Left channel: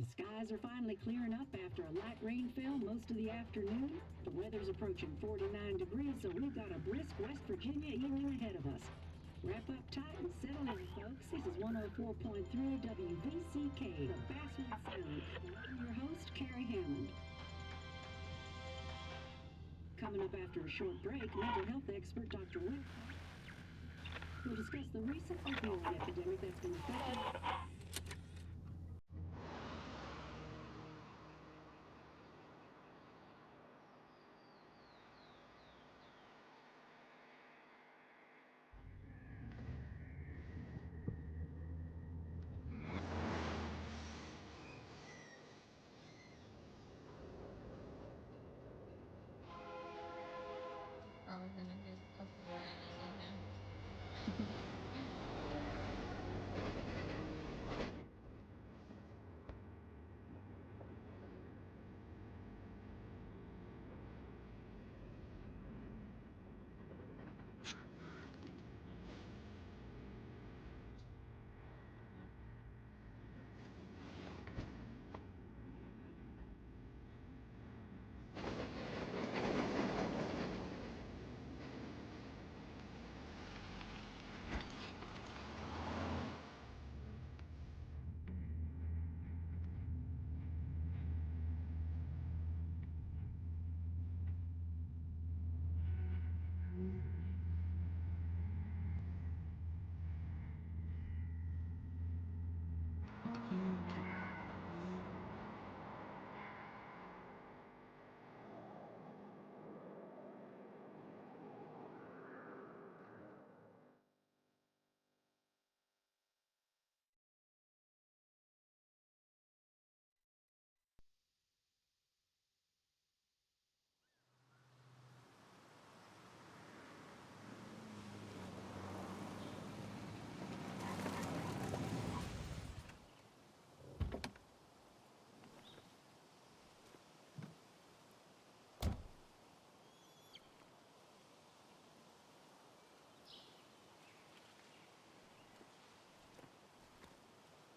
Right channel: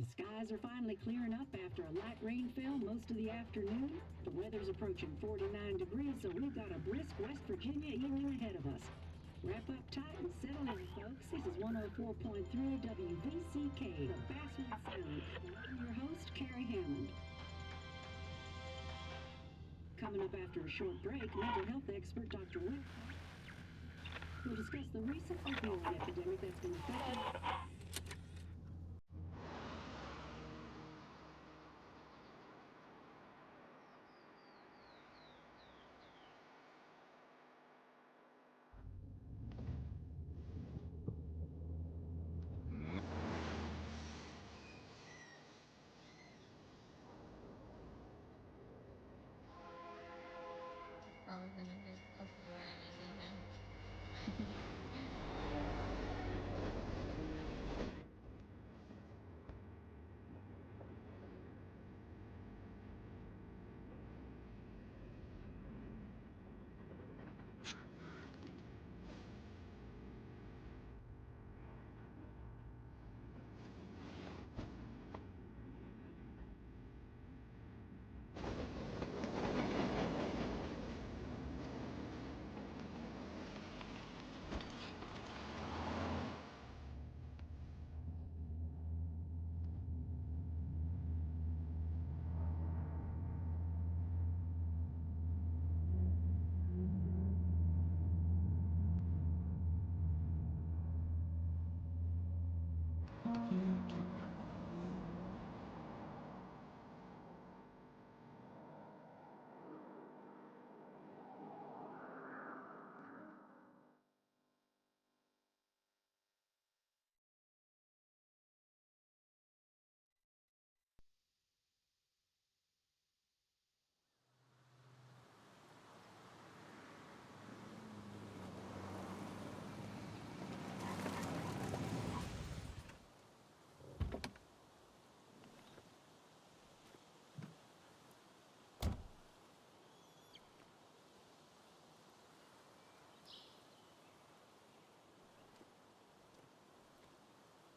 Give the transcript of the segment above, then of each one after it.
The skies are finally clearing up after a light rain fell most of the afternoon. The weather's approaching 49 degrees, so we've got a brisk West Virginia evening ahead of us. Wrap up tight and settle in, folks. This is 104.3 WVCK, the Basswood Sound. And I'm your host, Carrie Hammond. Coming up after a short break, mental health expert Dr. Will will discuss the recent opioid epidemic that's been affecting. Probably gonna do a couple of again.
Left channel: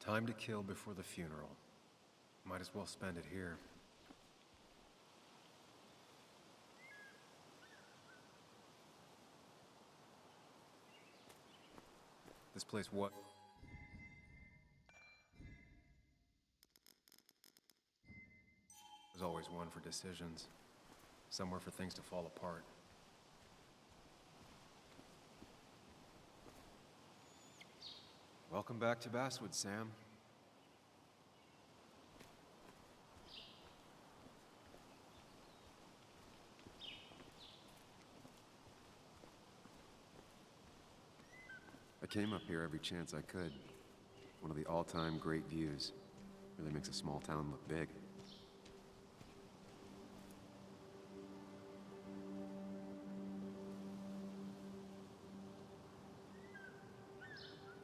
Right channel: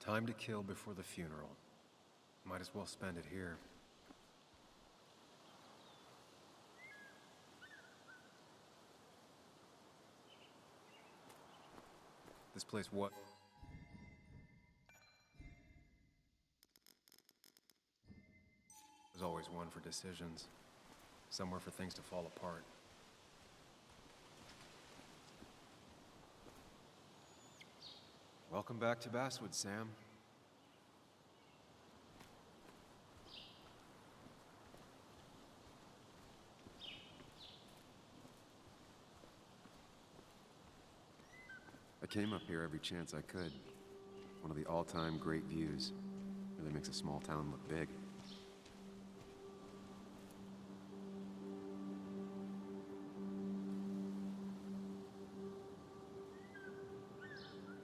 Time to kill before the funeral. Might as well spend it here. This place what? There's always one for decisions. Somewhere for things to fall apart. Welcome back to Basswood, Sam. I came up here every chance I could. One of the all-time great views. Really makes a small town look big.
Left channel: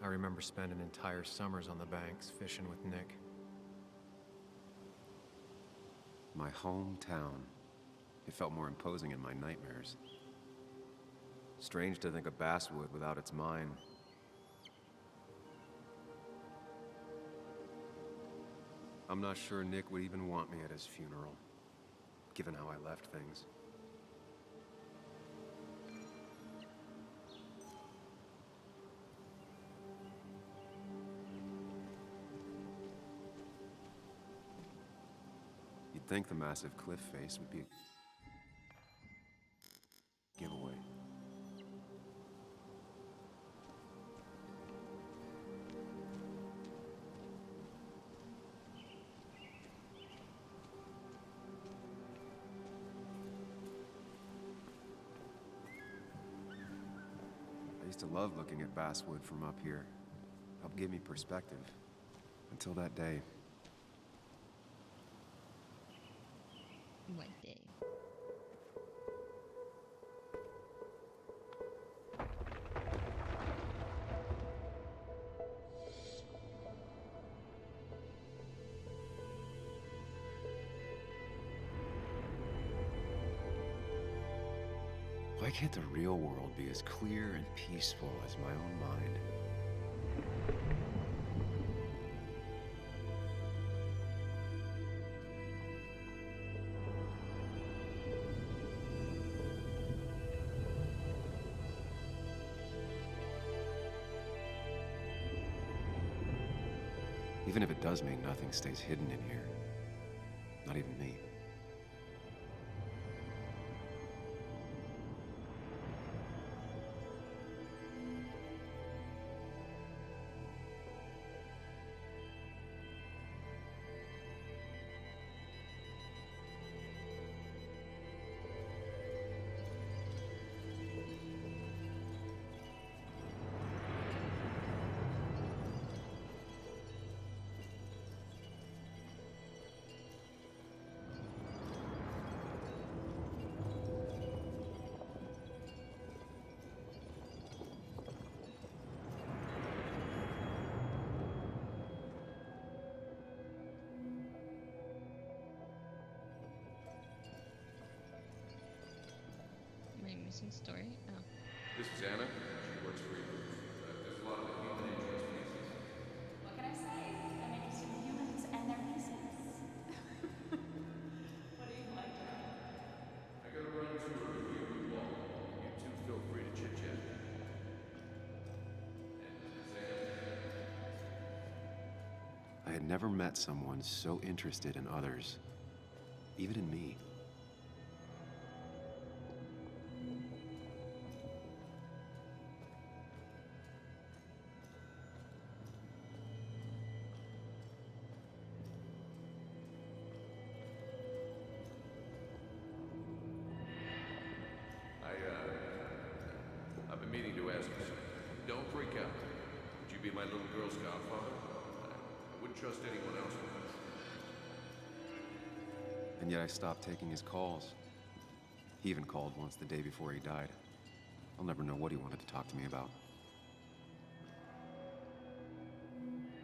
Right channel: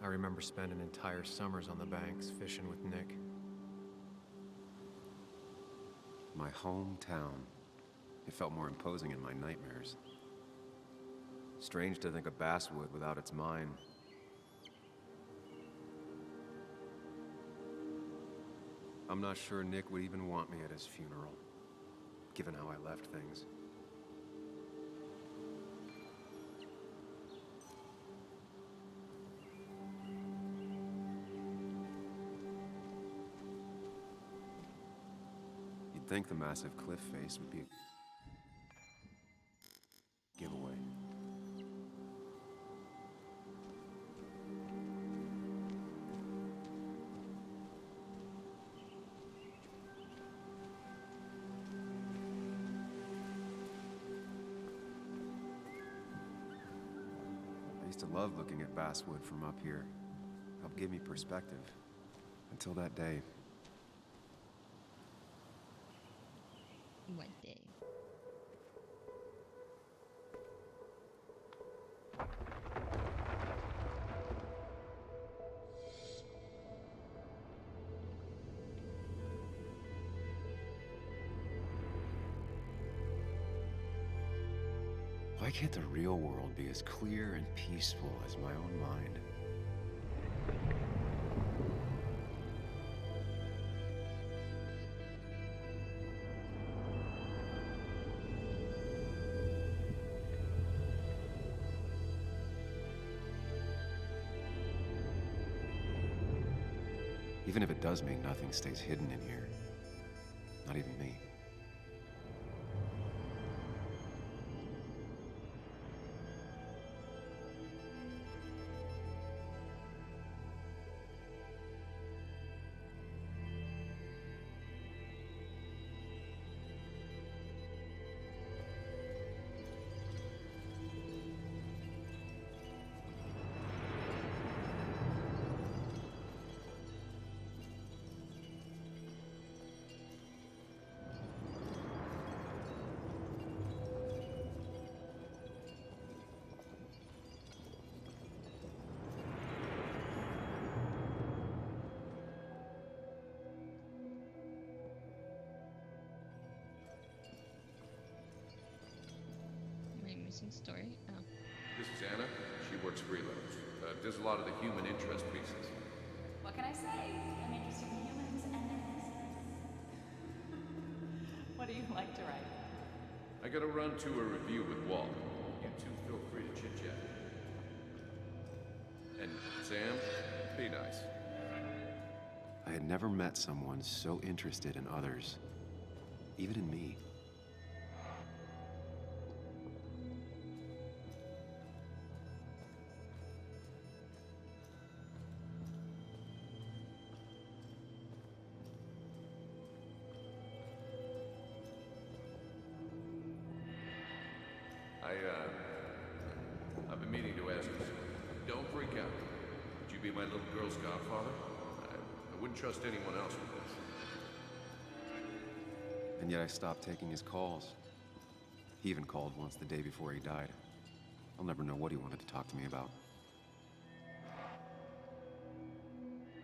I remember spending entire summers on the banks fishing with Nick. My hometown. It felt more imposing in my nightmares. Strange to think of Basswood without its mine. I'm not sure Nick would even want me at his funeral, given how I left things. You'd think the massive cliff face would be a giveaway. I used to love looking at Basswood from up here. Helped give me perspective. Until that day. What day? Why can't the real world be as clear and peaceful as my own mind? Even if it does mean nothing stays hidden in here. Not even me. Missing story? Oh. This is Anna. She works freelance. Does a lot of the human interest pieces. What can I say? I'm interested in humans and their pieces. What do you like to write? I gotta run to a review with Walt. You two feel free to chit-chat. And Sam, be nice. I had never met someone so interested in others, even in me. I've been meaning to ask you something. Don't freak out. Would you be my little girl's godfather? I wouldn't trust anyone else with this. And yet I stopped taking his calls. He even called once the day before he died. I'll never know what he wanted to talk to me about.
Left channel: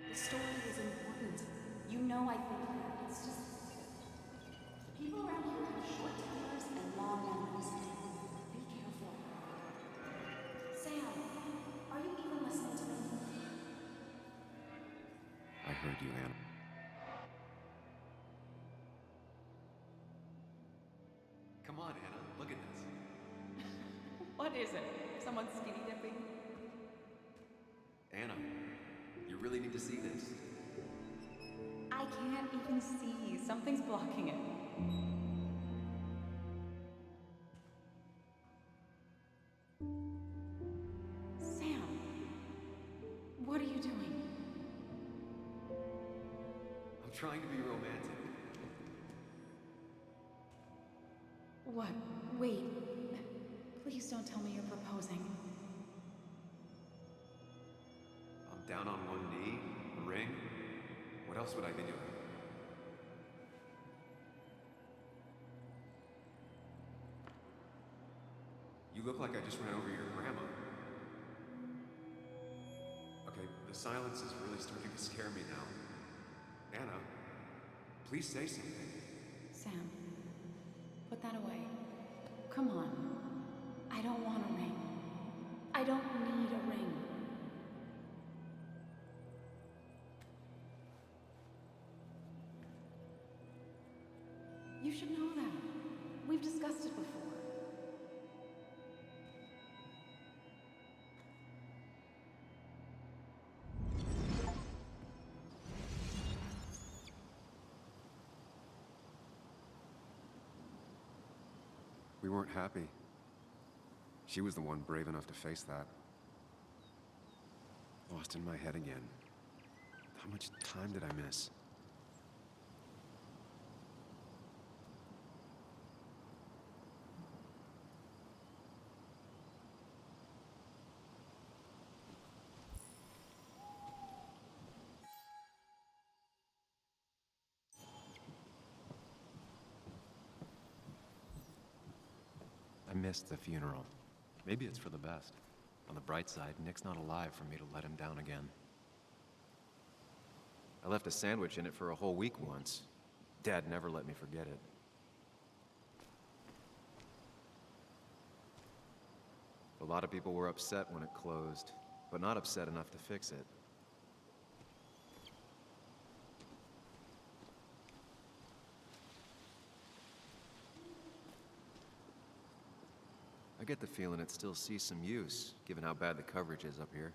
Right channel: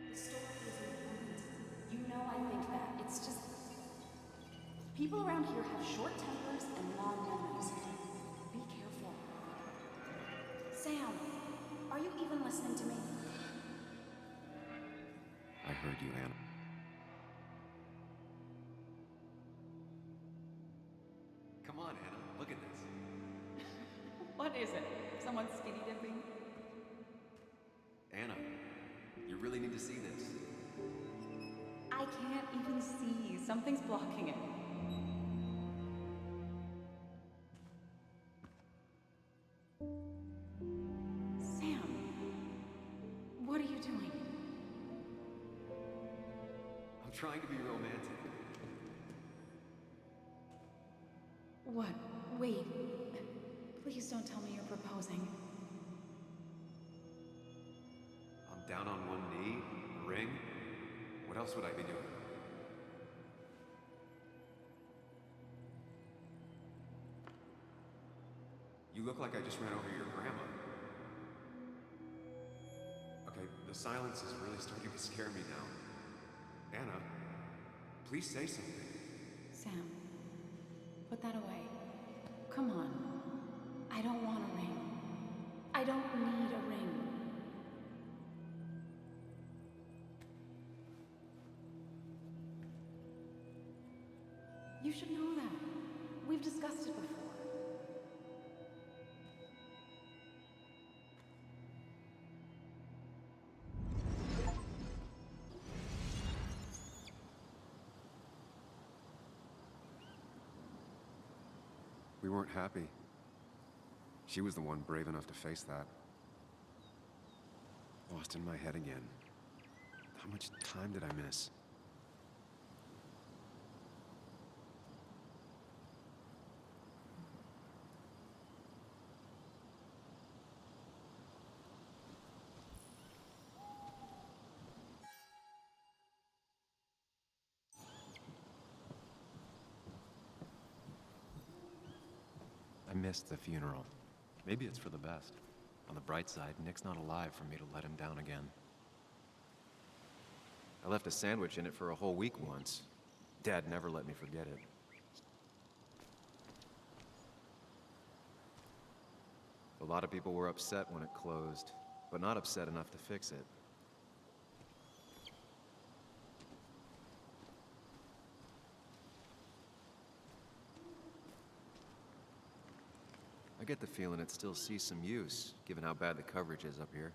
The story is important. You know I think that. It's just... people around here have short tempers and long memories. Be careful. Sam, are you even listening to me? I heard you, Anna. Come on, Anna. Look at this. What is it? Someone skinny dipping? Anna, you really need to see this. I can't even see. Something's blocking it. Sam, what are you doing? I'm trying to be romantic. What? Wait. Please don't tell me you're proposing. I'm down on one knee, a ring. What else would I be doing? You look like I just ran over your grandma. Okay, the silence is really starting to scare me now. Anna, please say something. Sam, put that away. Come on. I don't want a ring. I don't need a ring. You should know that. We've discussed it before. We weren't happy. She was the one brave enough to face that. Lost in my head again. How much time did I miss? I missed the funeral. Maybe it's for the best. On the bright side, Nick's not alive for me to let him down again. I left a sandwich in it for a whole week once. Dad never let me forget it. A lot of people were upset when it closed, but not upset enough to fix it. I get the feeling it still sees some use, given how bad the coverage is up here.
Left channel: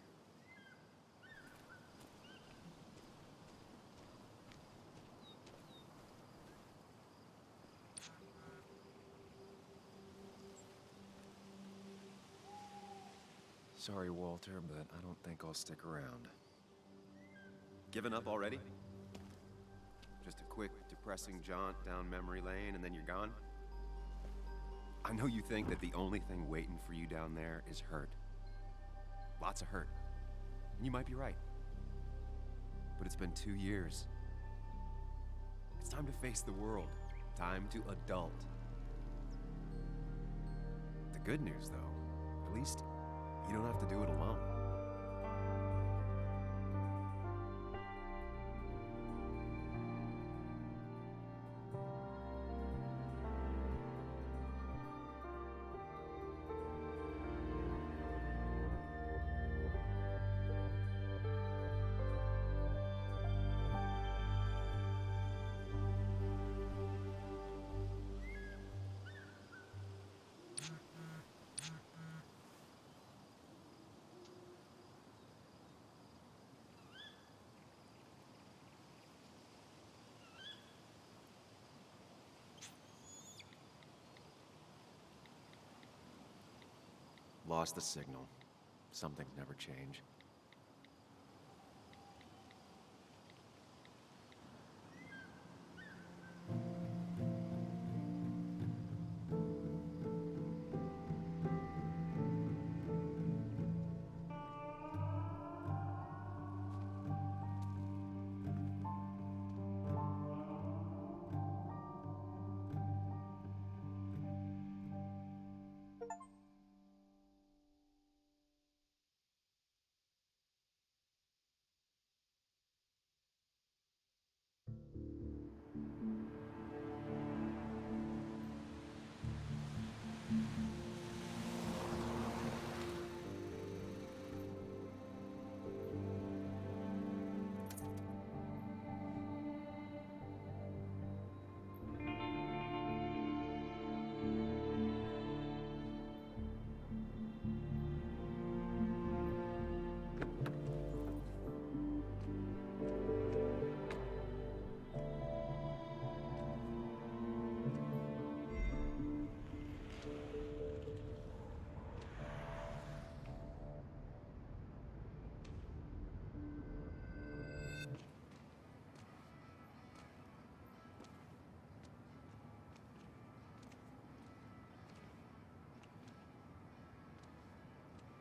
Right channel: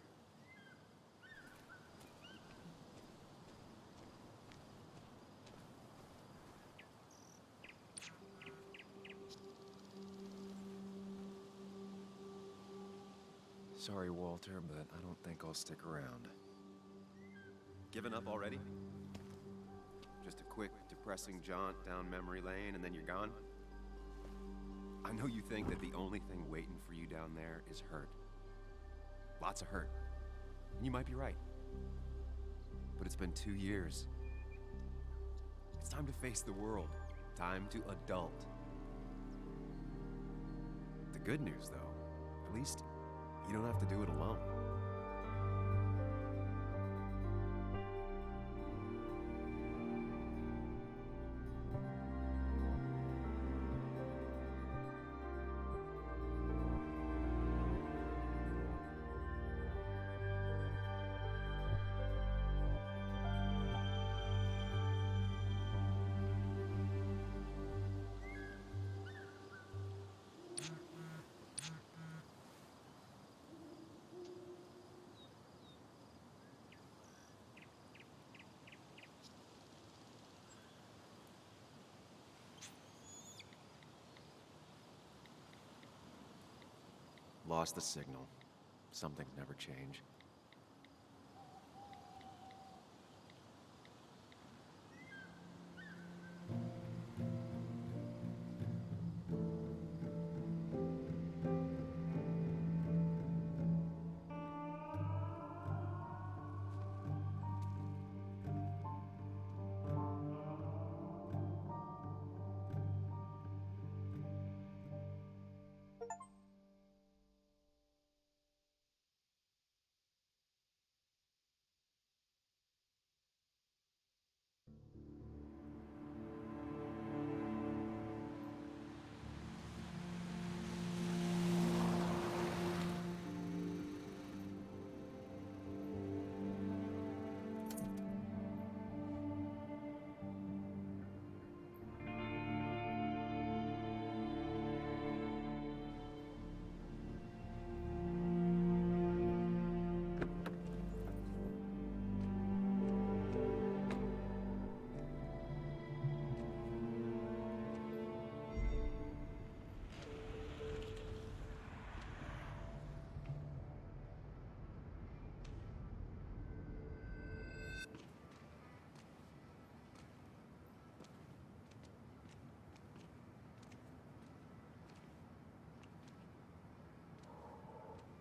Sorry, Walter, but I don't think I'll stick around. Given up already? Just a quick, depressing jaunt down memory lane and then you're gone? I know you think that the only thing waiting for you down there is hurt. Lots of hurt. And you might be right. But it's been 2 years. It's time to face the world. Time to adult. The good news, though, at least you don't have to do it alone. Lost the signal. Some things never change.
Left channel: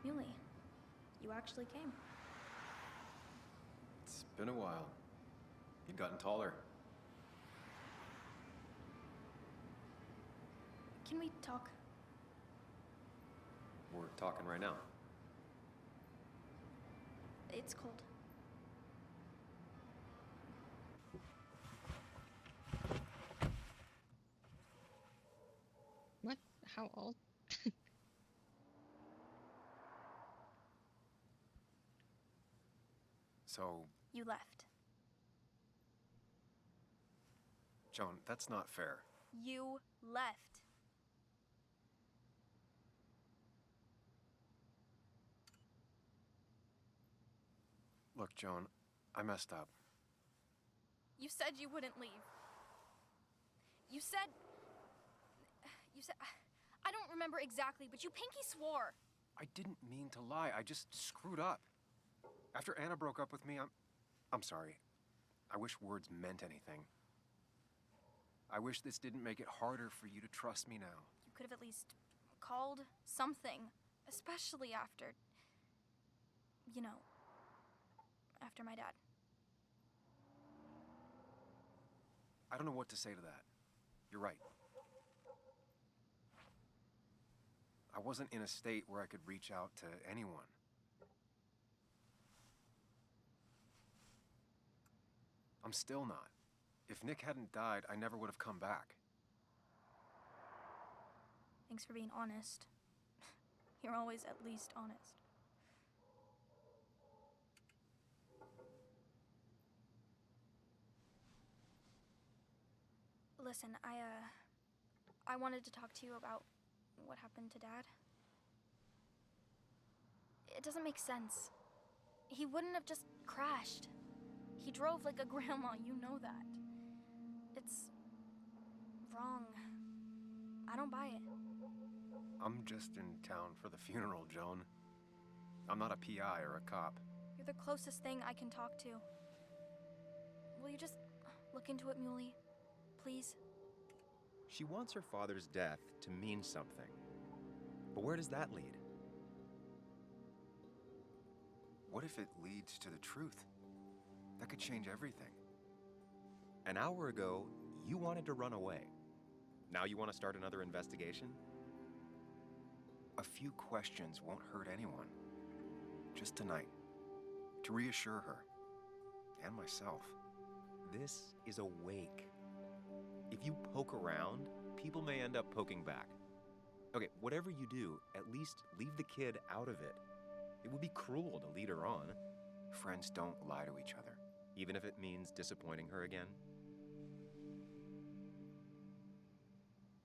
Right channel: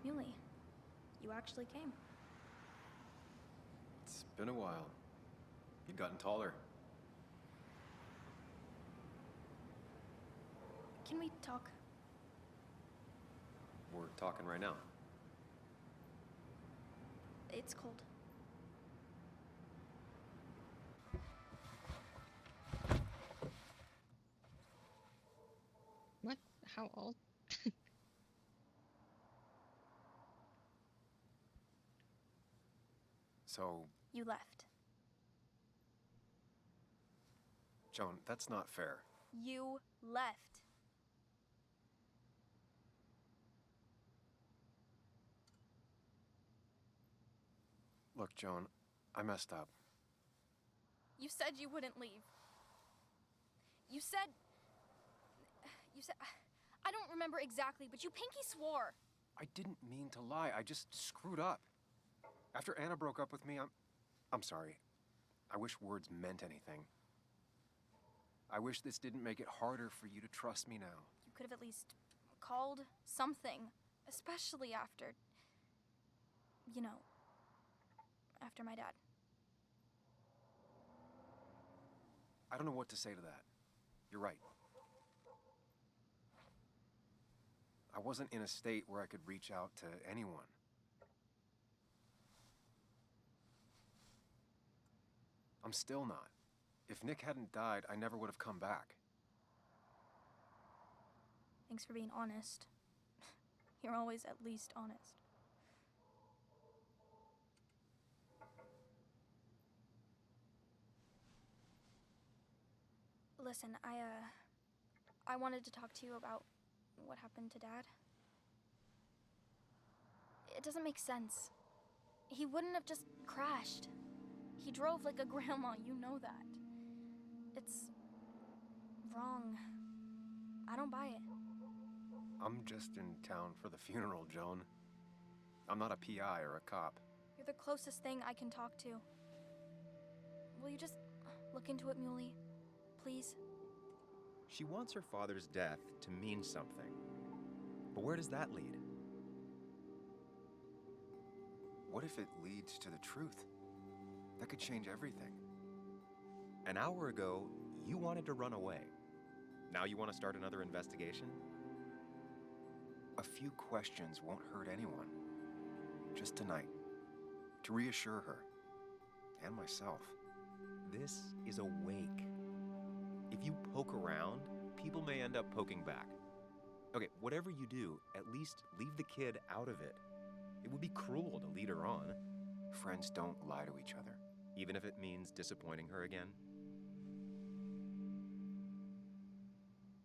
Muley, you actually came. It's been a while. You've gotten taller. Can we talk? We're talking right now. It's cold. What? How old? So, You left. Joan, that's not fair. You left. Look, Joan, I messed up. You said you wouldn't leave. You said... I don't remember exactly, but you pinky swore. I didn't mean to lie. I just screwed up. After Anna broke up with me, I'm sorry. I wish words meant anything. I wish this didn't make it harder for you to trust me now. You could have at least called something, especially after... You know, after my dad. I don't know what to say to that. You're right. I wasn't in a state where I could reach out to anyone. I'm still not. If Nick hadn't died, I never would have come back. Thanks for being honest. You're always at least honest. Listen, I wanted to talk to you about what happened to Dad. It doesn't make sense. He wouldn't have just crashed. He drove like a grandma, you know that. It's wrong. I don't buy it. I'm just in town for the funeral, Joan. I'm not a PI or a cop. You're the closest thing I can talk to. Will you just look into it, Muley? Please? She wants her father's death to mean something. But where does that lead? What if it leads to the truth? That could change everything. An hour ago, you wanted to run away. Now you want to start another investigation? A few questions won't hurt anyone. Just tonight. To reassure her. And myself. This is a wake. If you poke around, people may end up poking back. Okay, whatever you do, at least leave the kid out of it. It would be cruel to lead her on. Friends don't lie to each other, even if it means disappointing her again.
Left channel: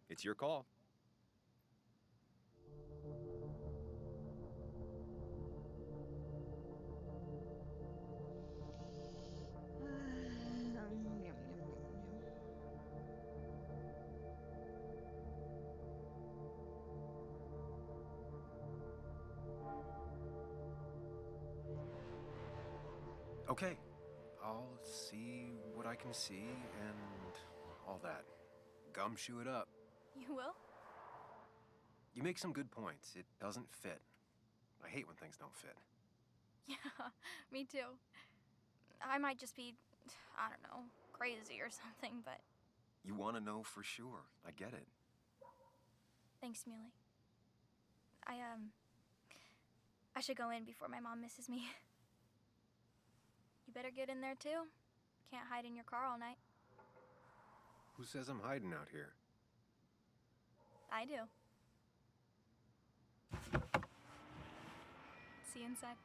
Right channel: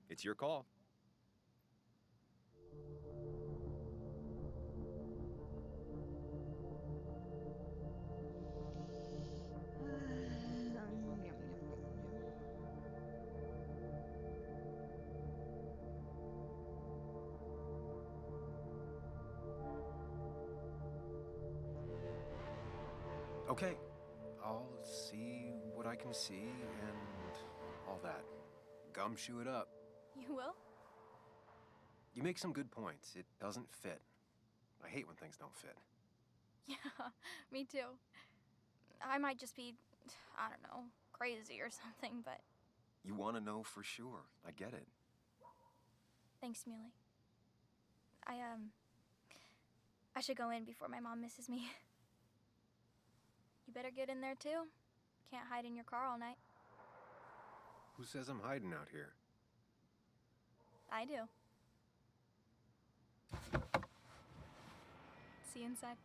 It's your call. Okay, I'll see what I can see and all that. Gumshoe it up. You will? You make some good points. It doesn't fit. I hate when things don't fit. Yeah, me too. I might just be, I don't know, crazy or something, but You want to know for sure. I get it. thanks, Muley. I should go in before my mom misses me. You better get in there too. Can't hide in your car all night. Who says I'm hiding out here? I do. See you inside.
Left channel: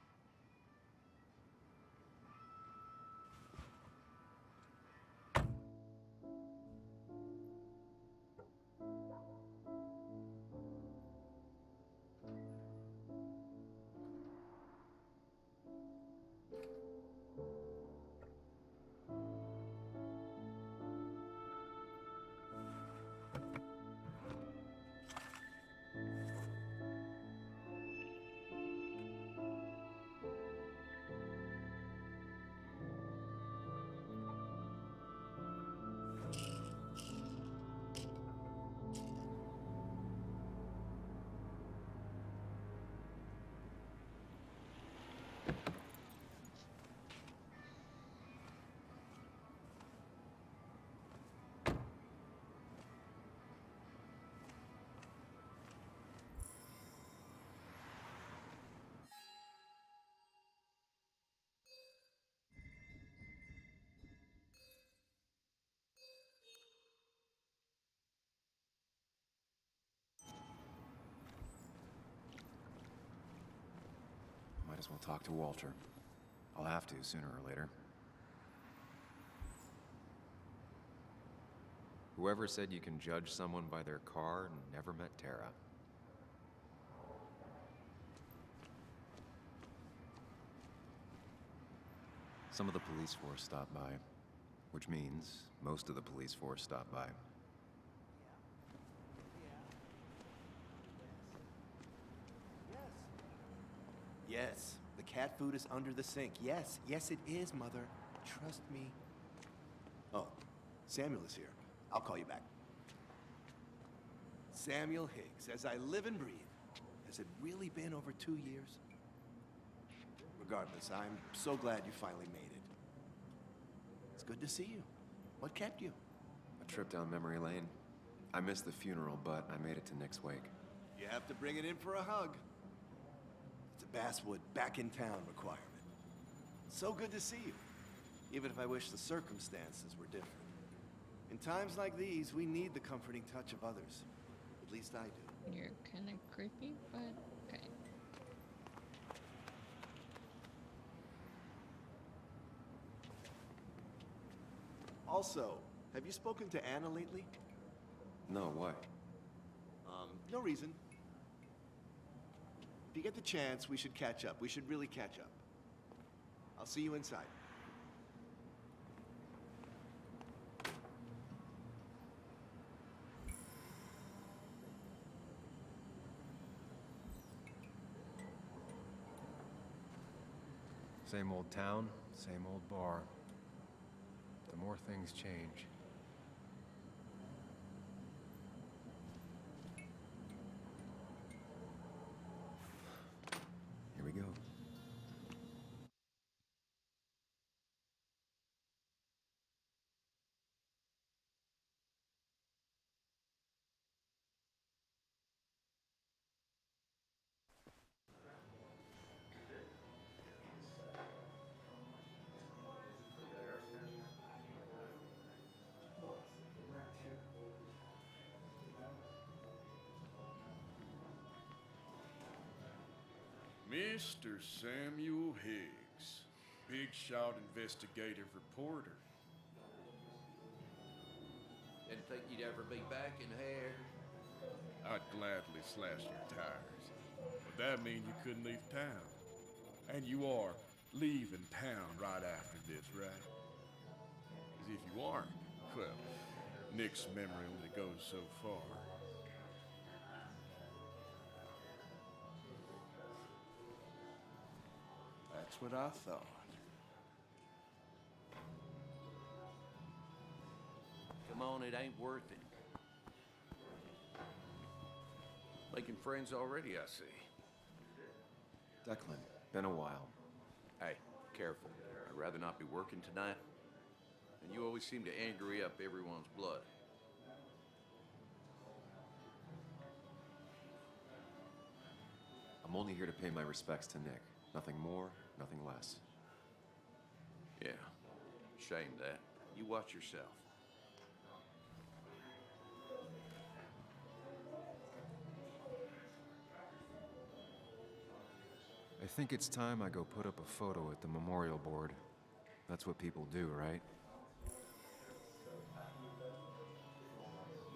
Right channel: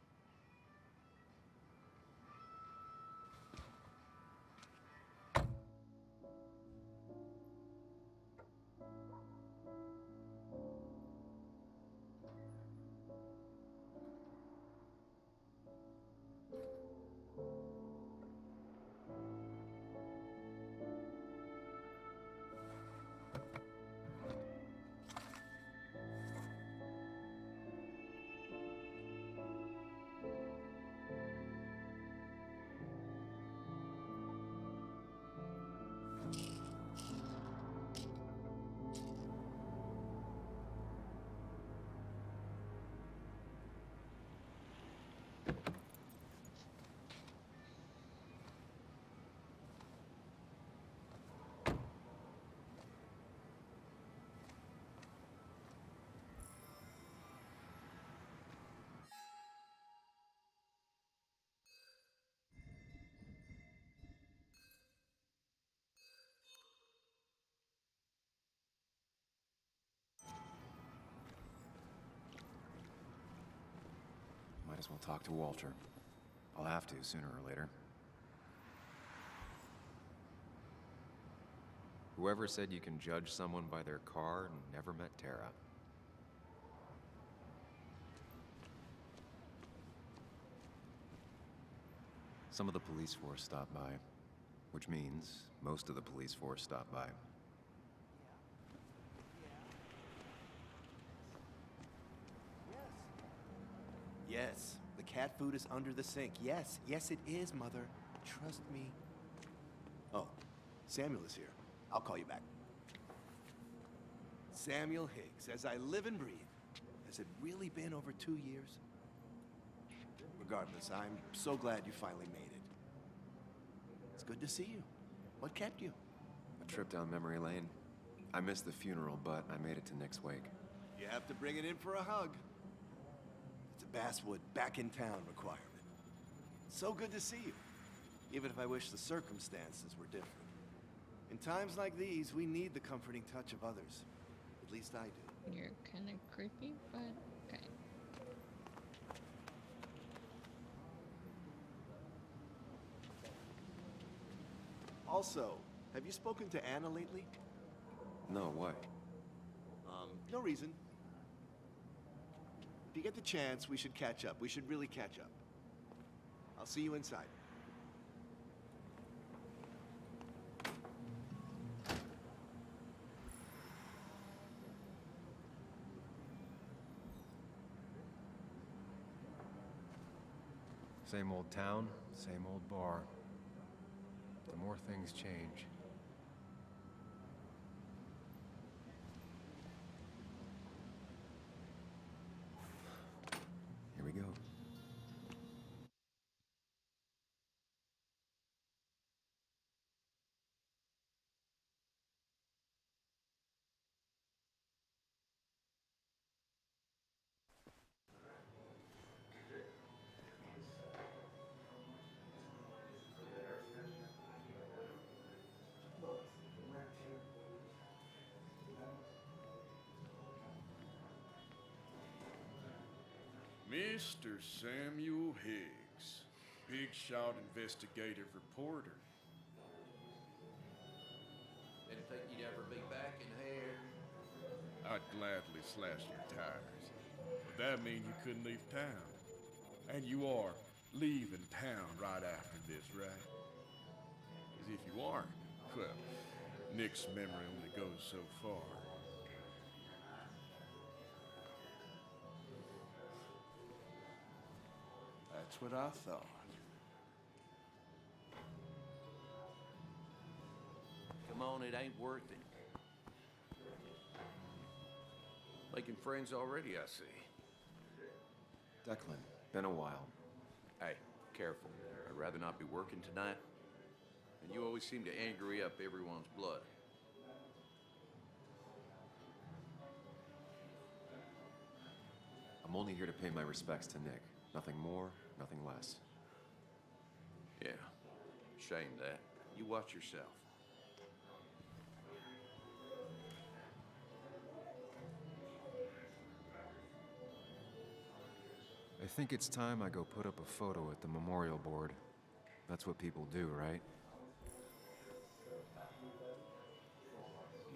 Might as well talk to Walter. I'll have to sooner or later. Whoever said you can judge someone by their car never met Tara. Some of the police force stopped by, which means most of the police force stopped by. Yes, the cat food is under the sink. Yes, yes it is, Mother. Trust me. Oh, Samuel is here. I'll call you back. Samuel Higgs, as I live and breathe. Has it really been over 2 years? Regardless, I'm so glad you finally made it. It's good to see you. What kept you? A trip down memory lane. I missed the funeral, but I made it to Nick's wake. You have to bring it in for a hug. It's a Basswood back in town requirement. So good to see you, even if I wish the circumstances were different. In times like these, we need the comforting touch of others. At least I do. You're kind of creepy, but okay. Also, have you spoken to Anna lately? No, why? No reason. If you get the chance, we should catch up. We should really catch up. I'll see you inside. Same old town, same old bar. The more things change. Here we go. Mr. Samuel Higgs, big shot investigative reporter. Didn't think you'd ever be back in here. I'd gladly slash your tires, but that mean you couldn't leave town. And you are leaving town right after this, right? 'Cause if you aren't, well, Nick's memory only goes so far. That's what I thought. Come on, it ain't worth it. Making friends already, I see. Declan, been a while. Hey, careful. I'd rather not be working tonight. And you always seem to angry up everyone's blood. I'm only here to pay my respects to Nick. Nothing more, nothing less. Yeah, shame that. You watch yourself. I think it's time I go put up a photo at the memorial board. That's what people do, right?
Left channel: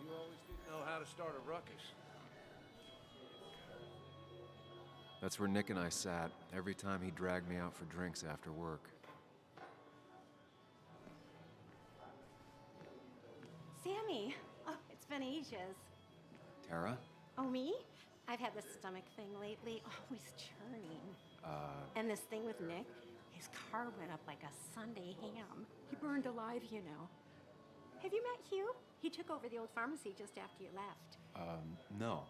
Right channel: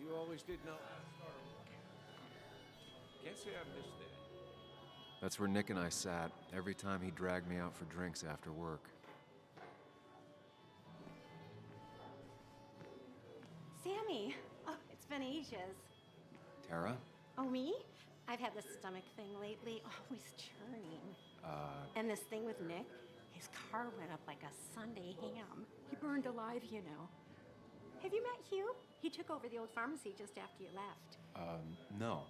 You always did know how to start a ruckus. Can't say I missed it. That's where Nick and I sat every time he dragged me out for drinks after work. Sammy! Oh, it's been ages. Tara? Oh, me? I've had this stomach thing lately, always churning. And this thing with Nick, his car went up like a Sunday ham. He burned alive, you know. Have you met Hugh? He took over the old pharmacy just after you left. No.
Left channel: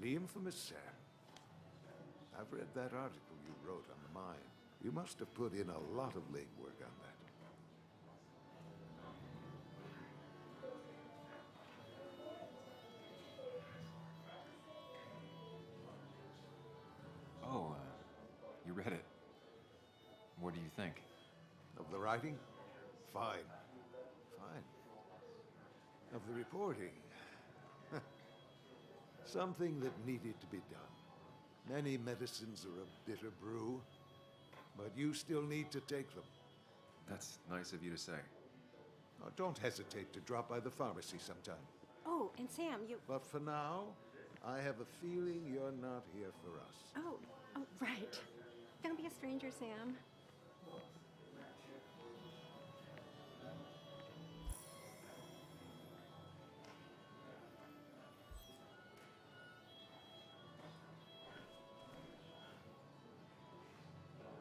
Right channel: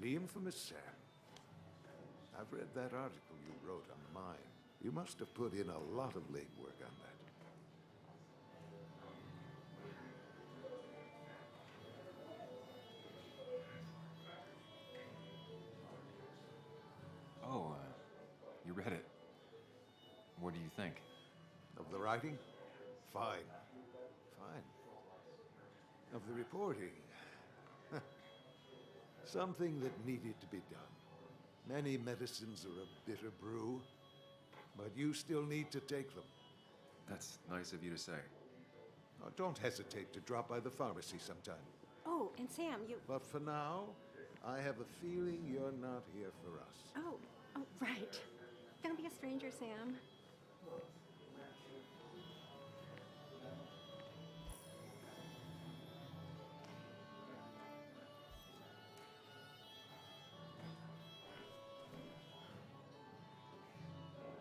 The infamous Sam. I've read that article you wrote on the mine. You must have put in a lot of legwork on that. Oh, you read it. What do you think? Of the writing? Fine. Fine. Of the reporting? Something that needed to be done. Many medicines are a bitter brew, but you still need to take them. That's nice of you to say. Oh, don't hesitate to drop by the pharmacy sometime. Oh, and Sam, you... But for now, I have a feeling you're not here for us. Oh, right. Don't be a stranger, Sam.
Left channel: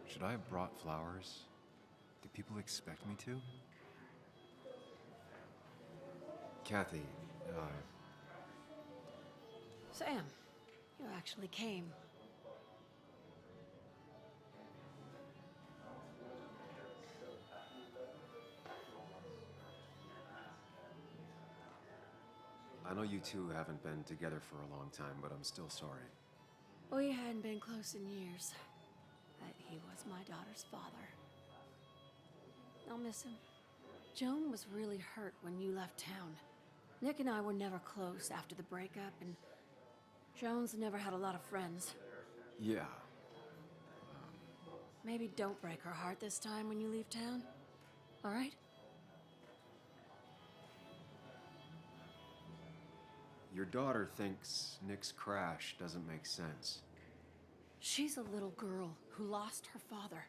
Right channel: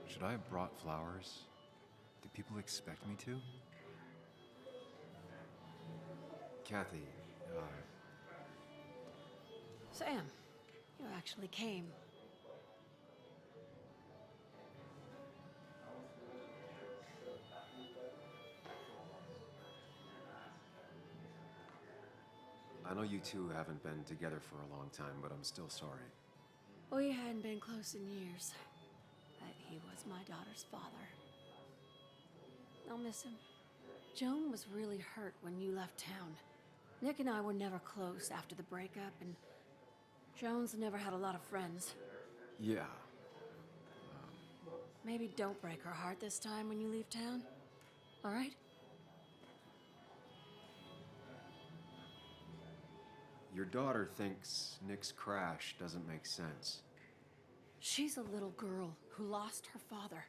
Should I have brought flowers? Do people expect me to? Kathy, Sam, you actually came. I know you two haven't been together for a long time, but I'm still sorry. We hadn't been close in years, but he was my daughter's father. I'll miss him. Joan was really hurt when you left town. Nick and I were never close after the breakup, and Joan's never had a lot of friends. Yeah. Maybe don't break her heart this time when you leave town, all right? Your daughter thinks Nick's crash doesn't make sense. She's a little girl who lost her father.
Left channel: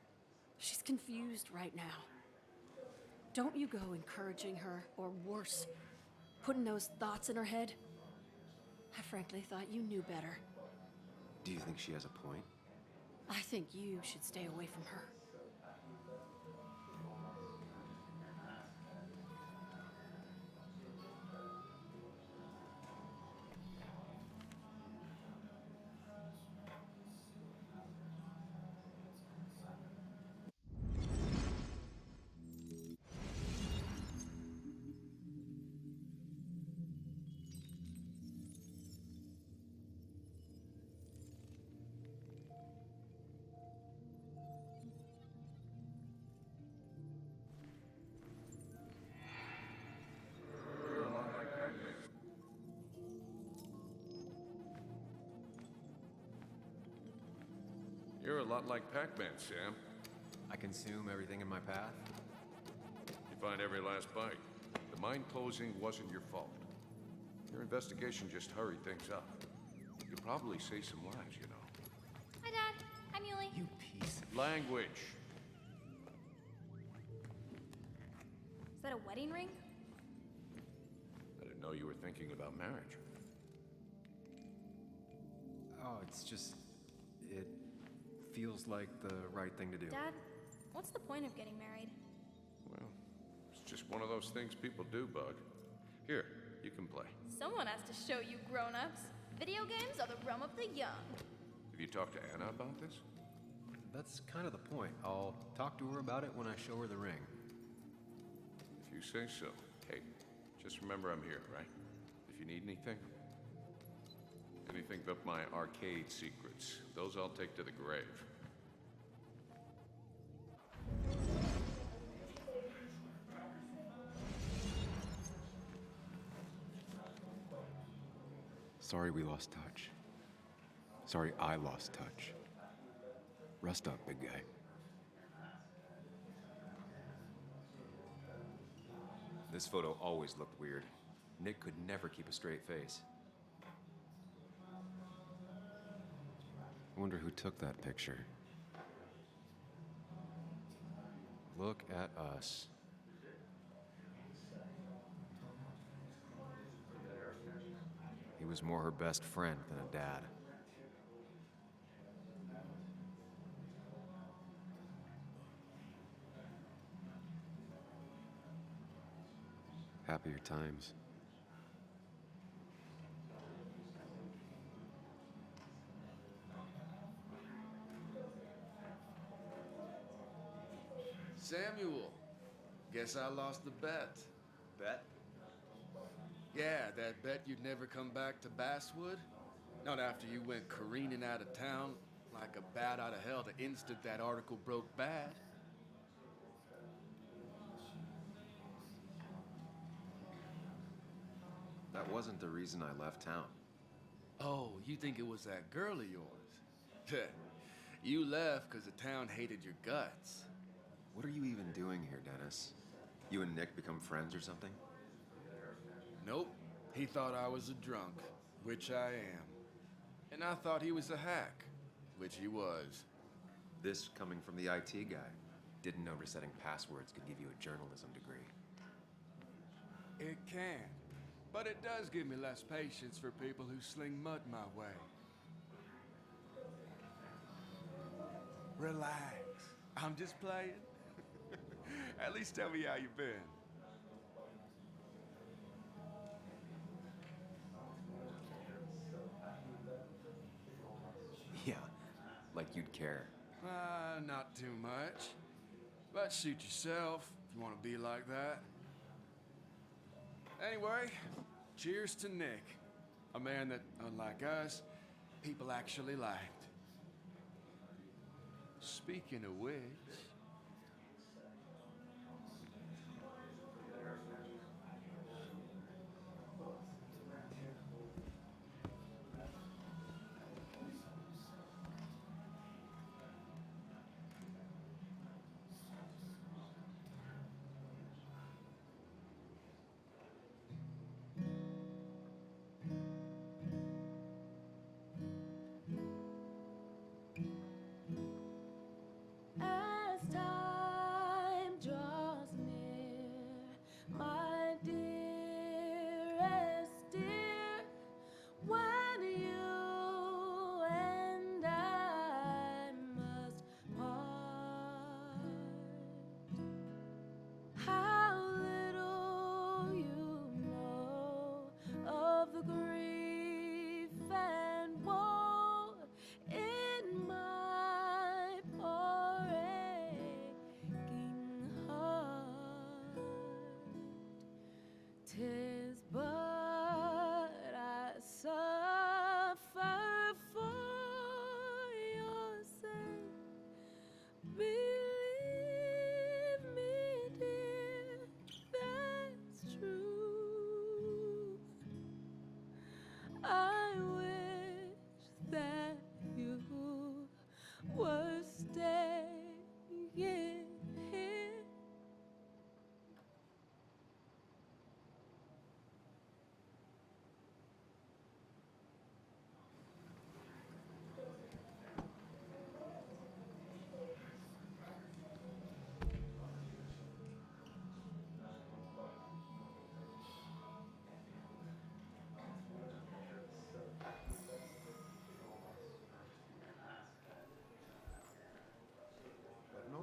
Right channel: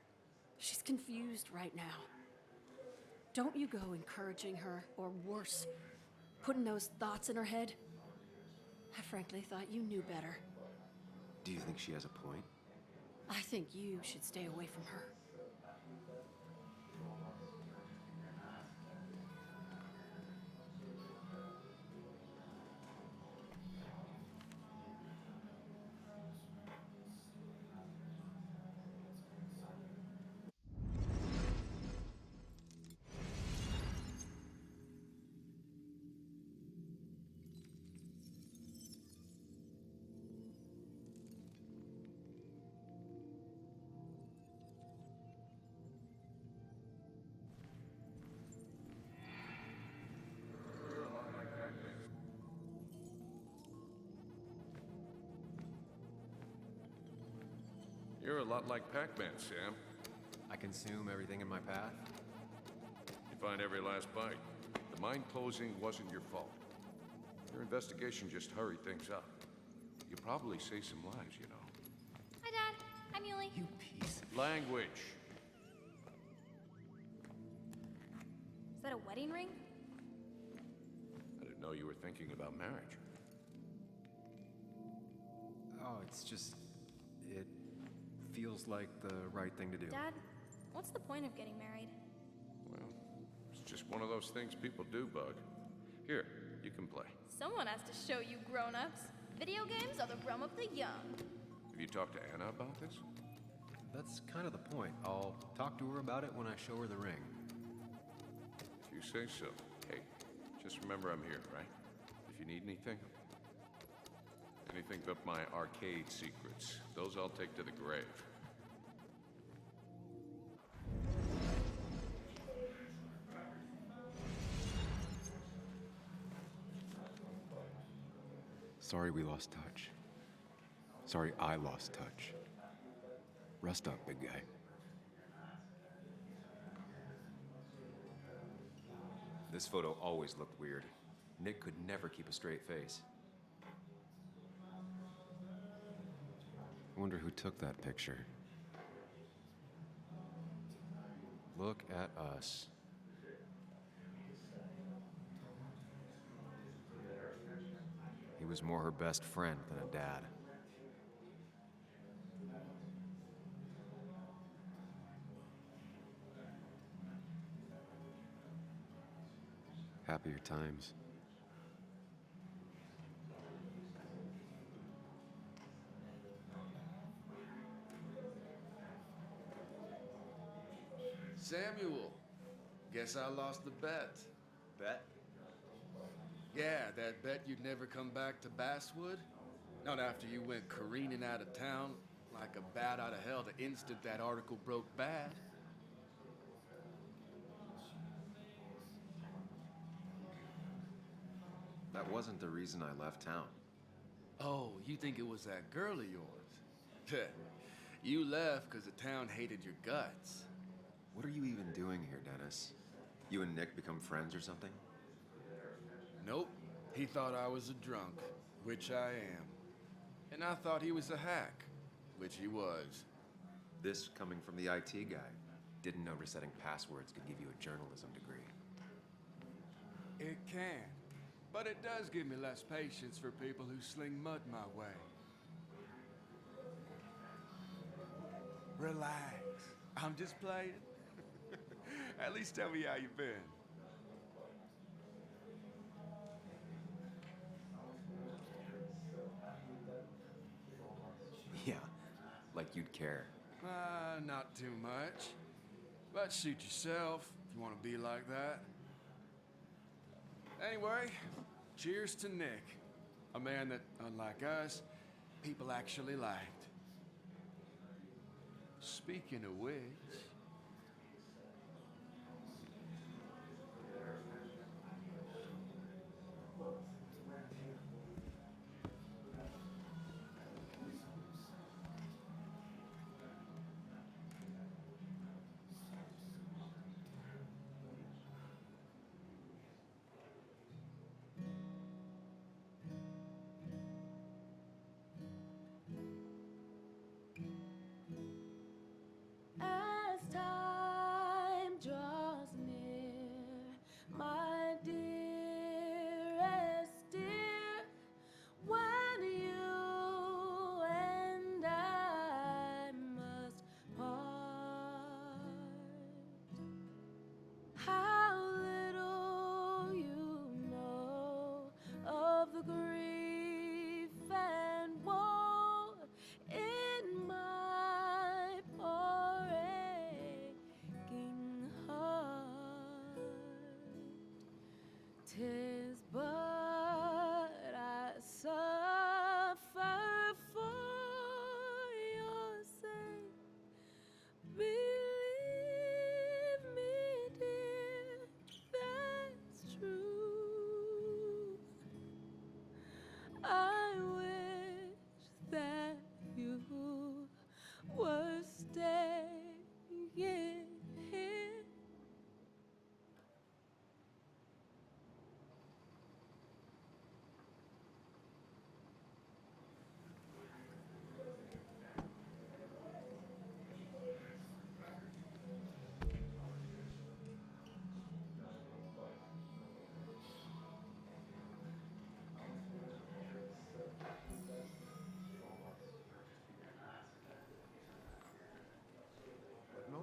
She's confused right now. Don't you go encouraging her, or worse, putting those thoughts in her head. I frankly thought you knew better. Do you think she has a point? I think you should stay away from her. You're a lot like Pac-Man, Sam. I consume everything in my path? You find every last bite. The mine closing wasn't your fault. Your investigation just hurried things up. You probably saved some lives, you know. Hi, Dad. I'm Yuli. You piece. Language. Is that a wedding ring? I didn't know you were thinking about marriage. Oh, it's just... it feels like the right thing to do. Dad, what's the point of getting married? Well, it's just one of those things people do, Bug. Here, you can play. Someone has to show you grown-ups. Video games are the realm of the young. Have you talked to Anna about this? That's kind of the point. I'll talk to her about it when I show her the ring. If you say so. Hey, just remember I'm here, right? If you need anything. Anything but my arcade secrets. Those I'll take to the grave. Sorry we lost touch. Sorry I lost touch. Rest up, big guy. This photo always looked weird. Nick could never keep a straight face. I wonder who took that picture. Look at us. He was more her best friend than a dad. Happier times. Samuel, guess I lost the bet. Bet? Yeah, that bet you'd never come back to Basswood? Not after you went careening out of town like a bat out of hell the instant that article broke bad. That wasn't the reason I left town. Oh, you think it was that girl of yours? You left because the town hated your guts. What are you even doing here, Dennis? You and Nick become friends or something? Nope. He thought I was a drunk, which I am. And I thought he was a hack, which he was. This coming from the IT guy. Didn't know resetting passwords could give you a journalism degree. It can. But it does give me less patience for people who sling mud my way. Relax. I'm just playing. At least tell me how you've been. Yeah, like you'd care. Not too much. But suit yourself if you want to be like that. Anyway, cheers to Nick. A man that, unlike us, people actually liked. Speaking of which... As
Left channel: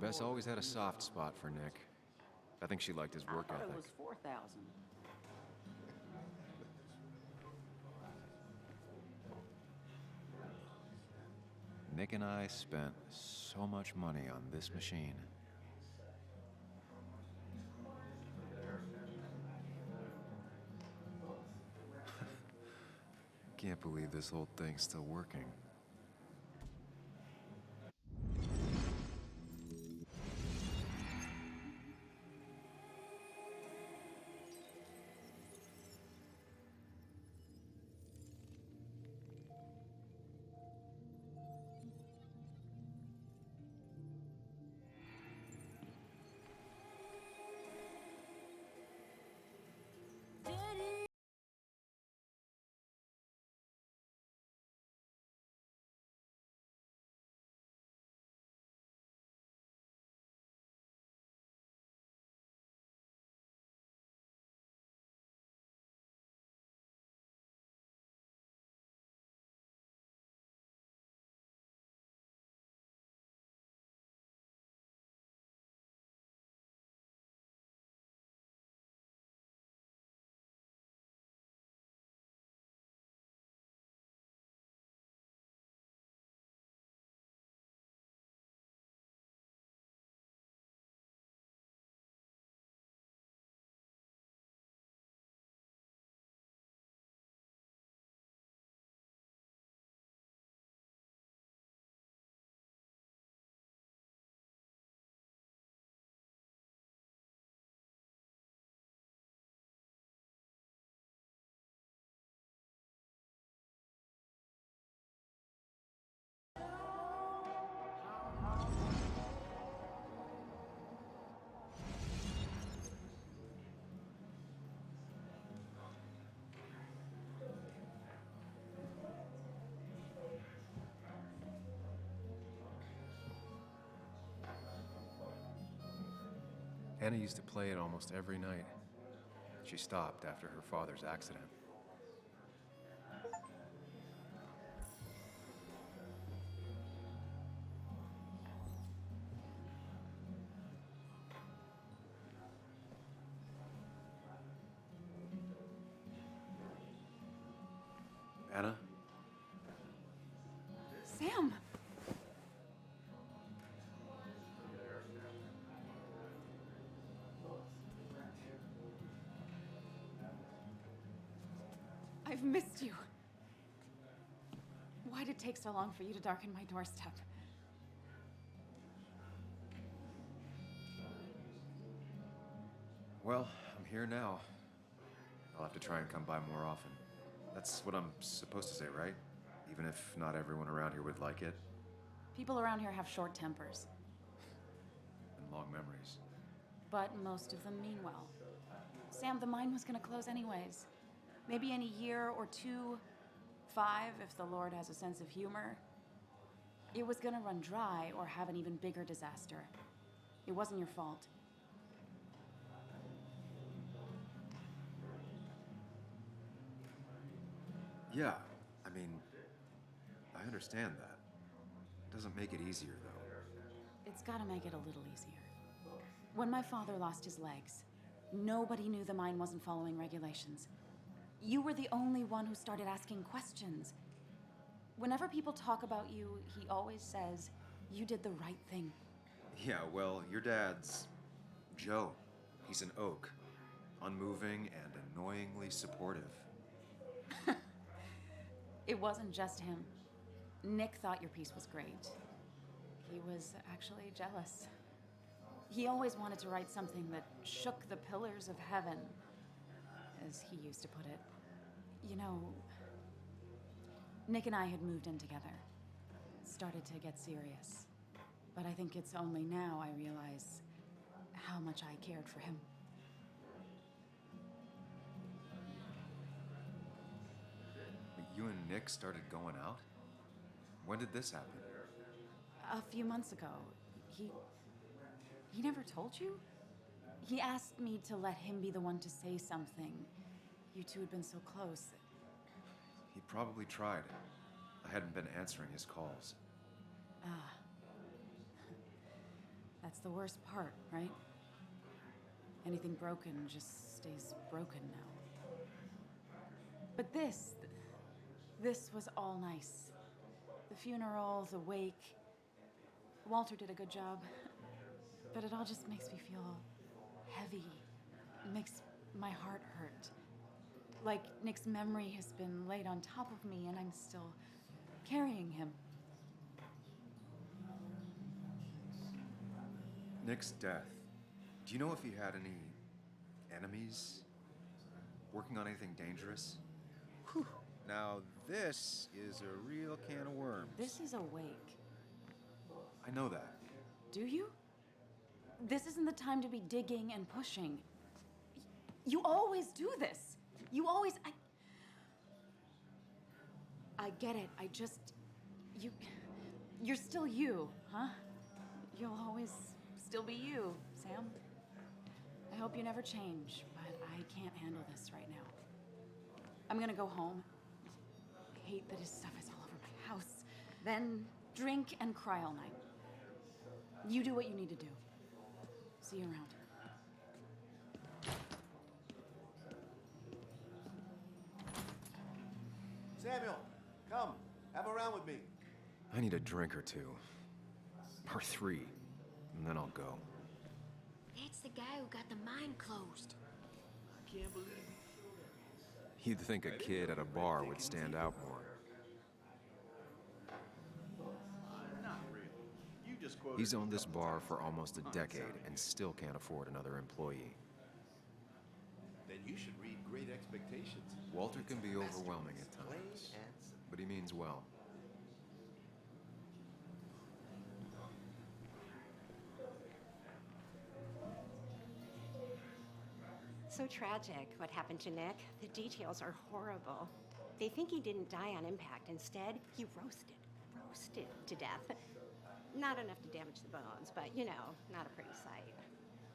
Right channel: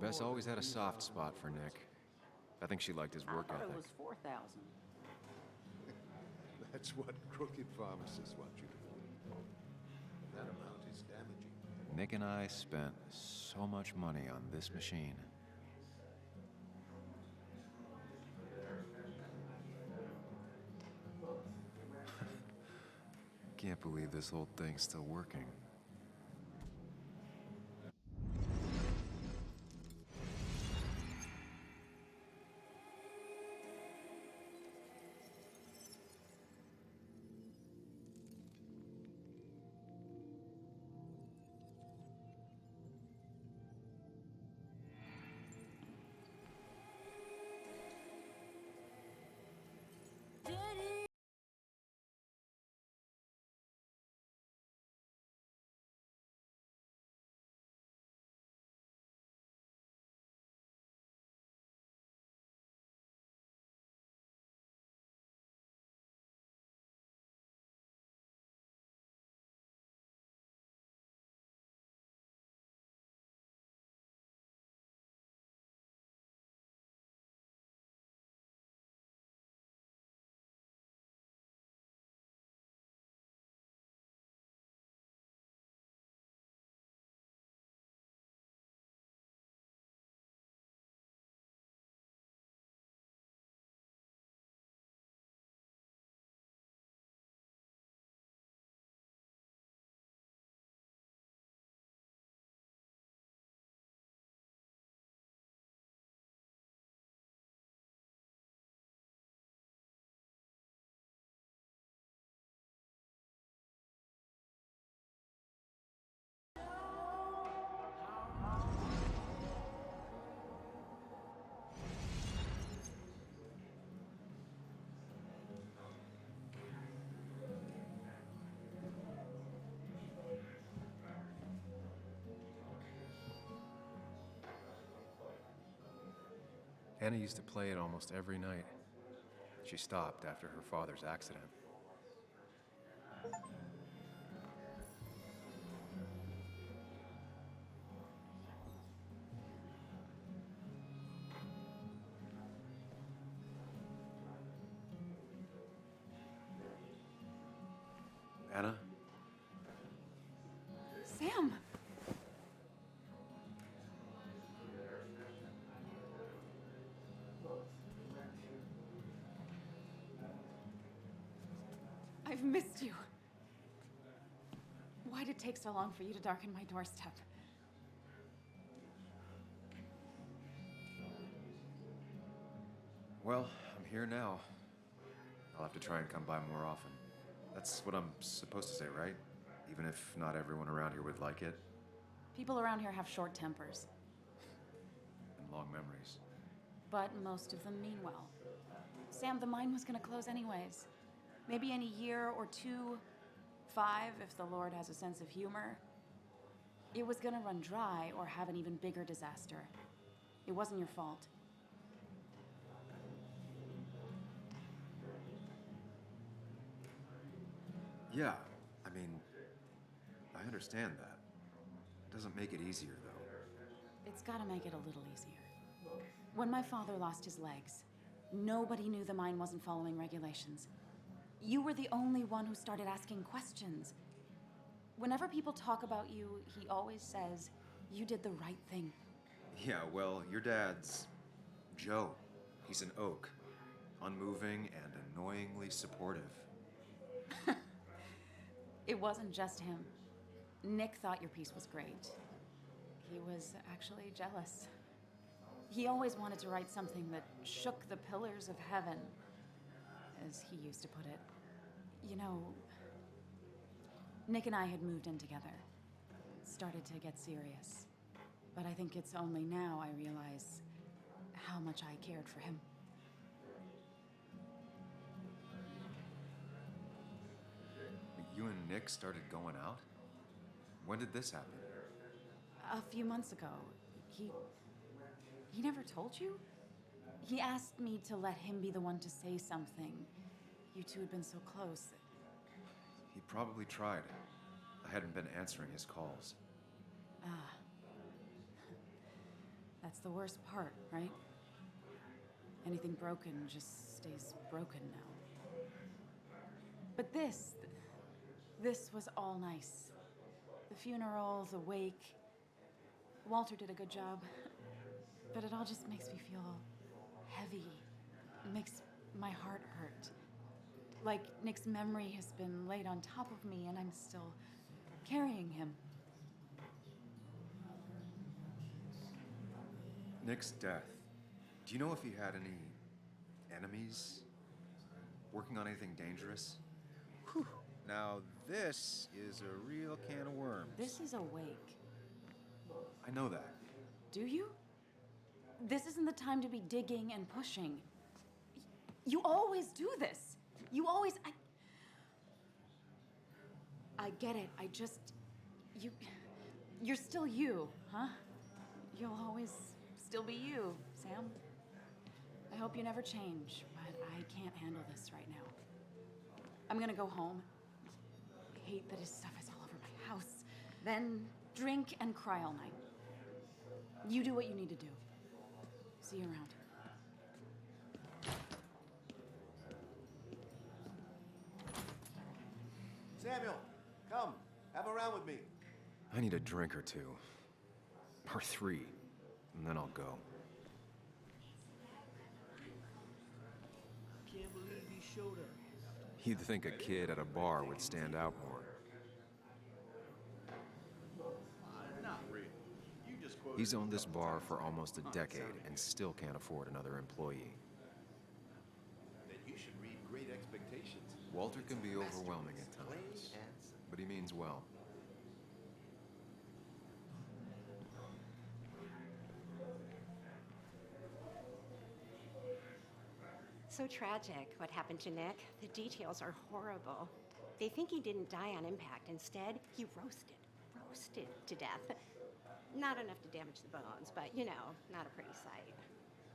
Bess always had a soft spot for Nick. I think she liked his work I thought ethic. it was 4,000. That's what crooked pharmacists want you to do. That amount is damaging. Nick and I spent so much money on this machine. Can't believe this whole thing's still working. Anna used to play it almost every night. She stopped after her father's accident. Anna? Sam! I've missed you. Why'd it take so long for you to darken my doorstep? Well, I'm here now. I'll have to try and come by more often. That's what I'm supposed to say, right? Even if not everyone around here would like it. People around here have short tempers, And long memories. but most of them mean well. Sam, the mine was gonna close anyways. Maybe in a year or 2, 5, if the Lord has a sense of humor. It was gonna run dry or have an even bigger disaster. It wasn't your fault. Yeah, I mean, I understand that. It doesn't make it easier, though. It's gotta make it a little easier. When my father lost his legs, nobody knew the mine wasn't following regulations. You were the only one who started asking questions. Whenever people talk about you, he always says, you did the right thing. Yeah, well, your dad's Joe. He's an oak. Unmoving and annoyingly supportive. It wasn't just him. Nick thought your piece was great. He was actually jealous. He always wanted to write something that shook the pillars of heaven, as he used to put it. You know, Nick and I had moved in together. Started to get serious. But I think it's only now I realize how much I cared for him. You and Nick started going out? When did this happen? A few months ago, he never told you? He asked me to let him be the one to say something. You two had been so close. He probably tried. I hadn't been answering his calls. Ah. That's the worst part, right? Anything broken just stays broken now. But this was all nice. The funeral, the wake. Walter did a good job. But it all just makes me feel heavy. It makes my heart hurt. Like Nick's memory has been laid on top of me and I'm still carrying him. Nick's death. Do you know if he had any enemies? Working on anything dangerous? Whew. Now, this is a real can of worms. This is a wake. I know that. Do you? This isn't the time to be digging and pushing. You always do this. You always... I get it. I just... You're still you, huh? You'll always still be you, Sam. I hope you never change, but I can't handle this right now. I'm gonna go home. I hate that his stuff is all over my house. Then drink and cry all night. You do what you need to do. See you around. Samuel, come. Have a round with me. I need a drink or two. Or 3. And then I'll go. That's the guy who got the mine closed. I can't believe he showed up. You'd think a kid at a bar would stand out more. Not really. You just quoted He's owned this bar for almost a decade and still can't afford another employee. Then you should read Great Expectations. Walter It's can a be masterpiece, overwhelming at plain times, and simple. but he means well. So tragic what happened to Nick. The details are horrible. They think he didn't die on impact. Instead, he roasted to death. Not enough to damage the bones, but you know, not a pretty sight.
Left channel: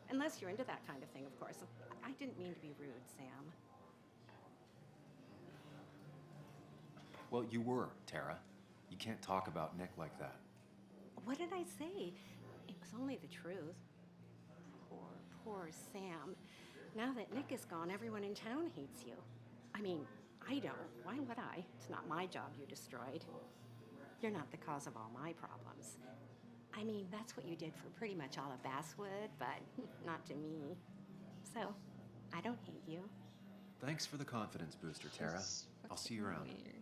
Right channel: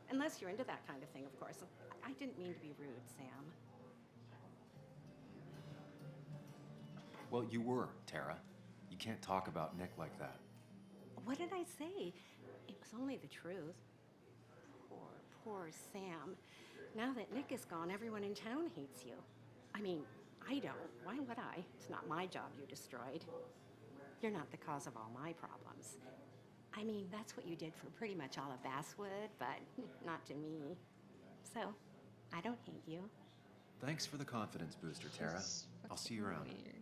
Unless you're into that kind of thing, of course. I didn't mean to be rude, Sam. Well, you were, Tara. You can't talk about Nick like that. What did I say? It was only the truth. Poor Sam. Now that Nick is gone, everyone in town hates you. I mean, I don't. Why would I? It's not my job you destroyed. You're not the cause of all my problems. I mean, that's what you did for pretty much all of Basswood, but not to me. So, I don't hate you. Thanks for the confidence booster, Tara. Just I'll see you around. weird.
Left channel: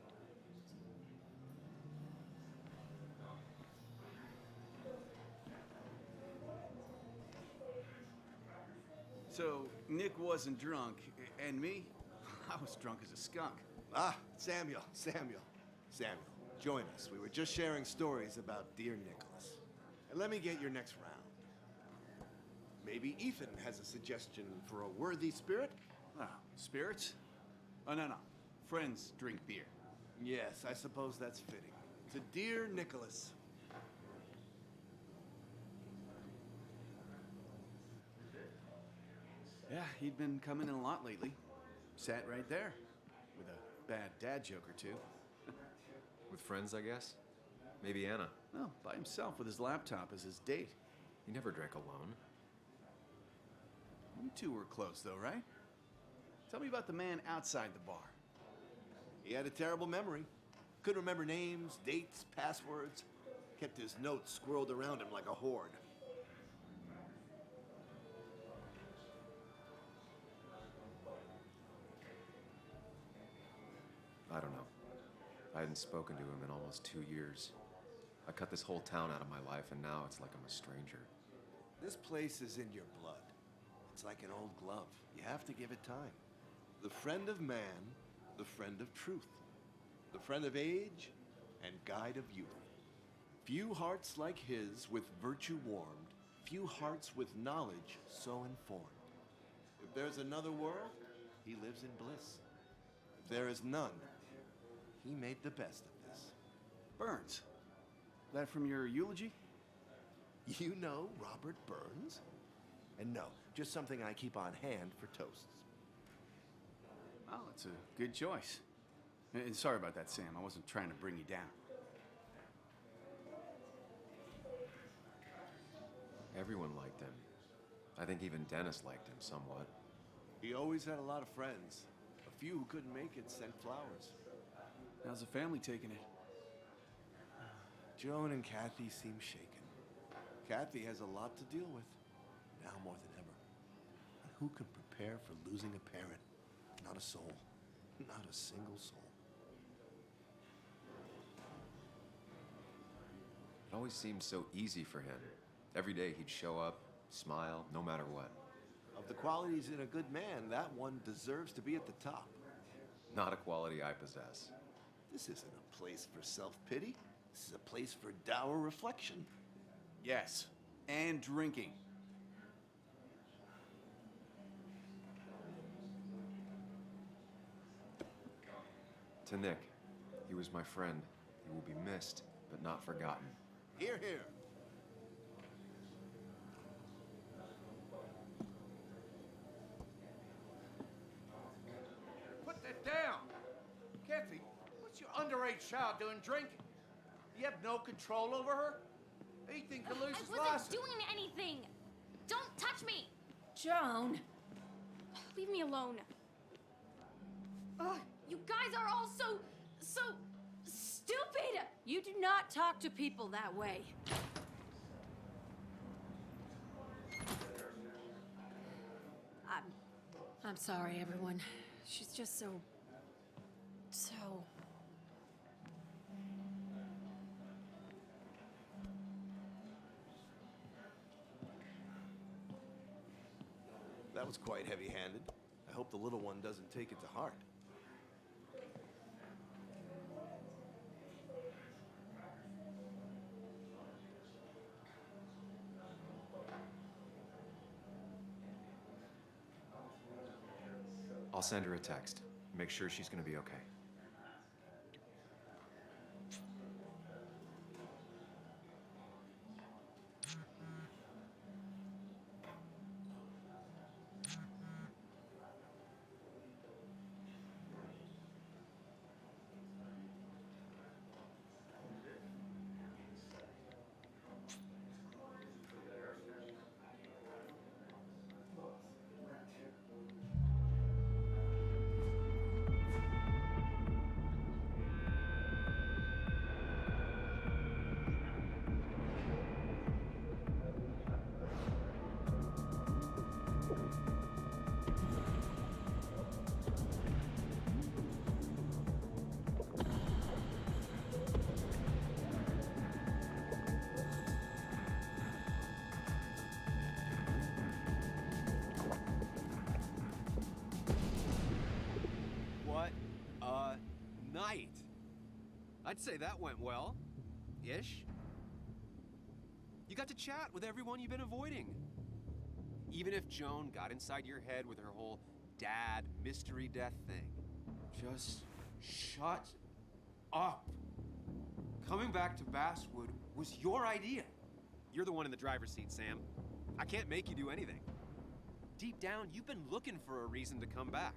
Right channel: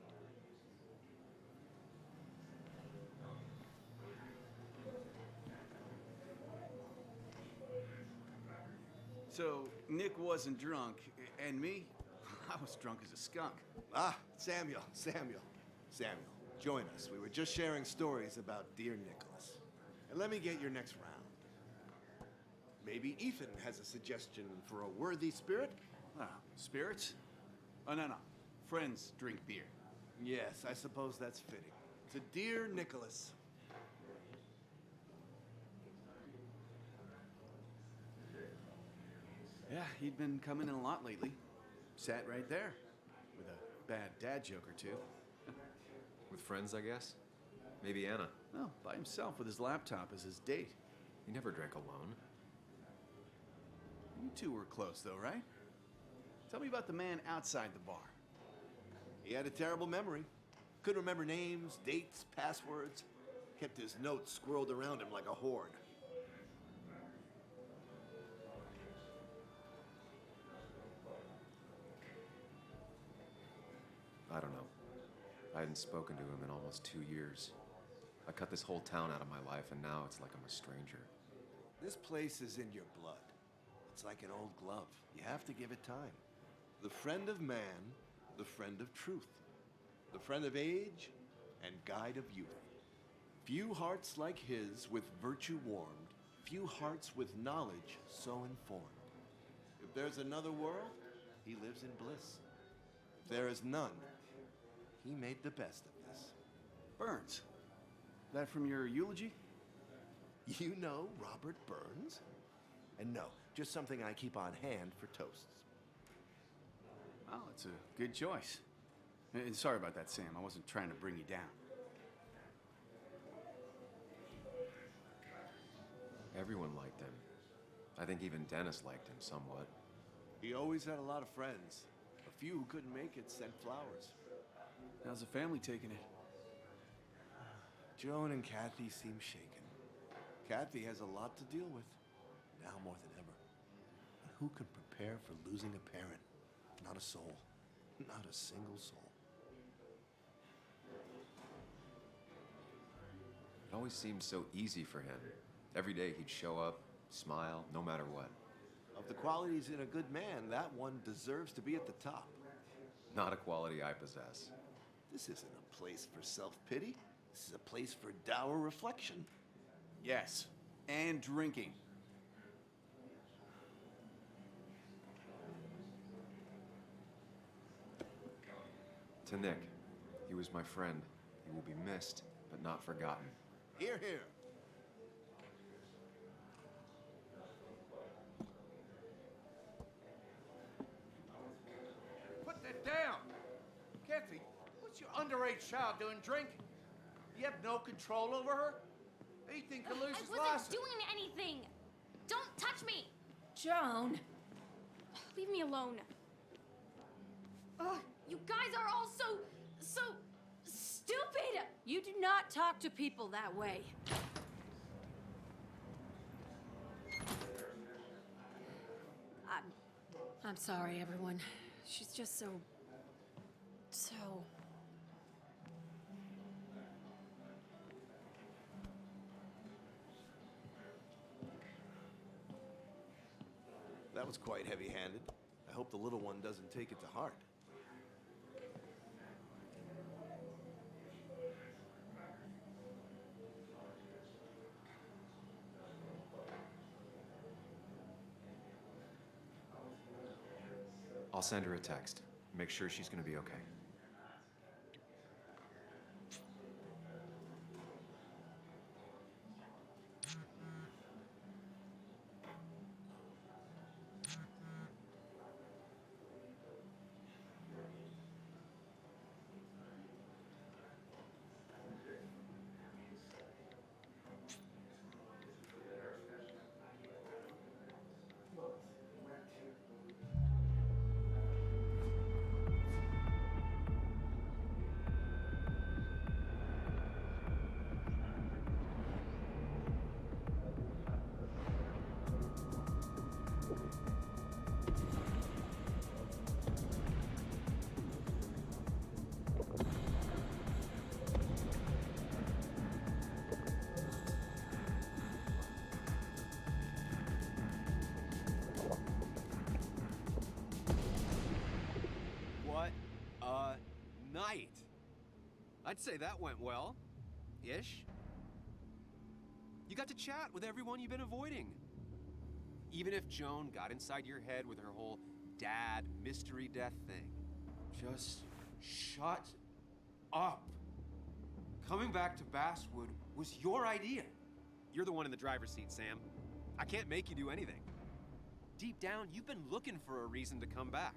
So, Nick wasn't drunk, and me? I was drunk as a skunk. Ah, Samuel. Join us. We were just sharing stories about dear Nicholas. And let me get your next round. Maybe Ethan has a suggestion for a worthy spirit? Oh, spirits? Oh, no. Friends drink beer. Yes, I suppose that's fitting. To dear Nicholas. Yeah, he'd been coming in a lot lately. Sat right there. With a bad dad joke or two. With friends, I guess? Maybe Anna. No, by himself with his laptop as his date. He never drank alone. You two were close, though, right? Tell me about the man outside the bar. He had a terrible memory. Couldn't remember names, dates, passwords. Kept his notes squirreled around him like a hoard. I don't know. I hadn't spoken to him in almost 2 years. I cut this whole town out of my life, and now it's like I'm a stranger. This place is in your blood. It's like an old glove. You have to give it time. The friend of man, the friend of truth. The friend of age and guide of youth. Few hearts like his with virtue warmed, few hearts with knowledge so informed. If there's another world, he lives in bliss. If there is none, he made the best of this. Burns. That from your eulogy? You know Robert Burns? And no, just something I keep on hand for toasts. Well, it's a good choice. And sorry about that, Sam. I wasn't trying to bring you down. Everyone liked him. I think even Dennis liked him somewhat. He always had a lot of friends. A few who couldn't make it sent flowers. How's the family taking it? Joan and Kathy seem shaken. Kathy has a lot to deal with, now more than ever. And who can prepare for losing a parent? Not a soul. Not a single soul. It always seemed so easy for him. Every day he'd show up, smile, no matter what. Of the qualities in a good man, that one deserves to be at the top. Not a quality I possess. This isn't a place for self-pity. This is a place for dour reflection. Yes, and drinking. To Nick, he was my friend. He will be missed, but not forgotten. Hear, hear. Put that down! Kathy, what's your underage child doing drinking? You have no control over her? Ethan could lose his I wasn't license. doing anything! Don't touch me! Joan! Leave me alone. Ugh, you guys are all so stupid! You do not talk to people that way. I'm sorry, everyone. She's just so... That was quite heavy-handed. I hope the little one doesn't take it to heart. I'll send her a text. Make sure she's gonna be okay. What a night! I'd say that went well. Ish. You got to chat with everyone you've been avoiding. Even if Joan got inside your head with her whole dad mystery death thing. Just shut up. Coming back to Basswood was your idea. You're the one in the driver's seat, Sam. I can't make you do anything. Deep down, you've been looking for a reason to come back.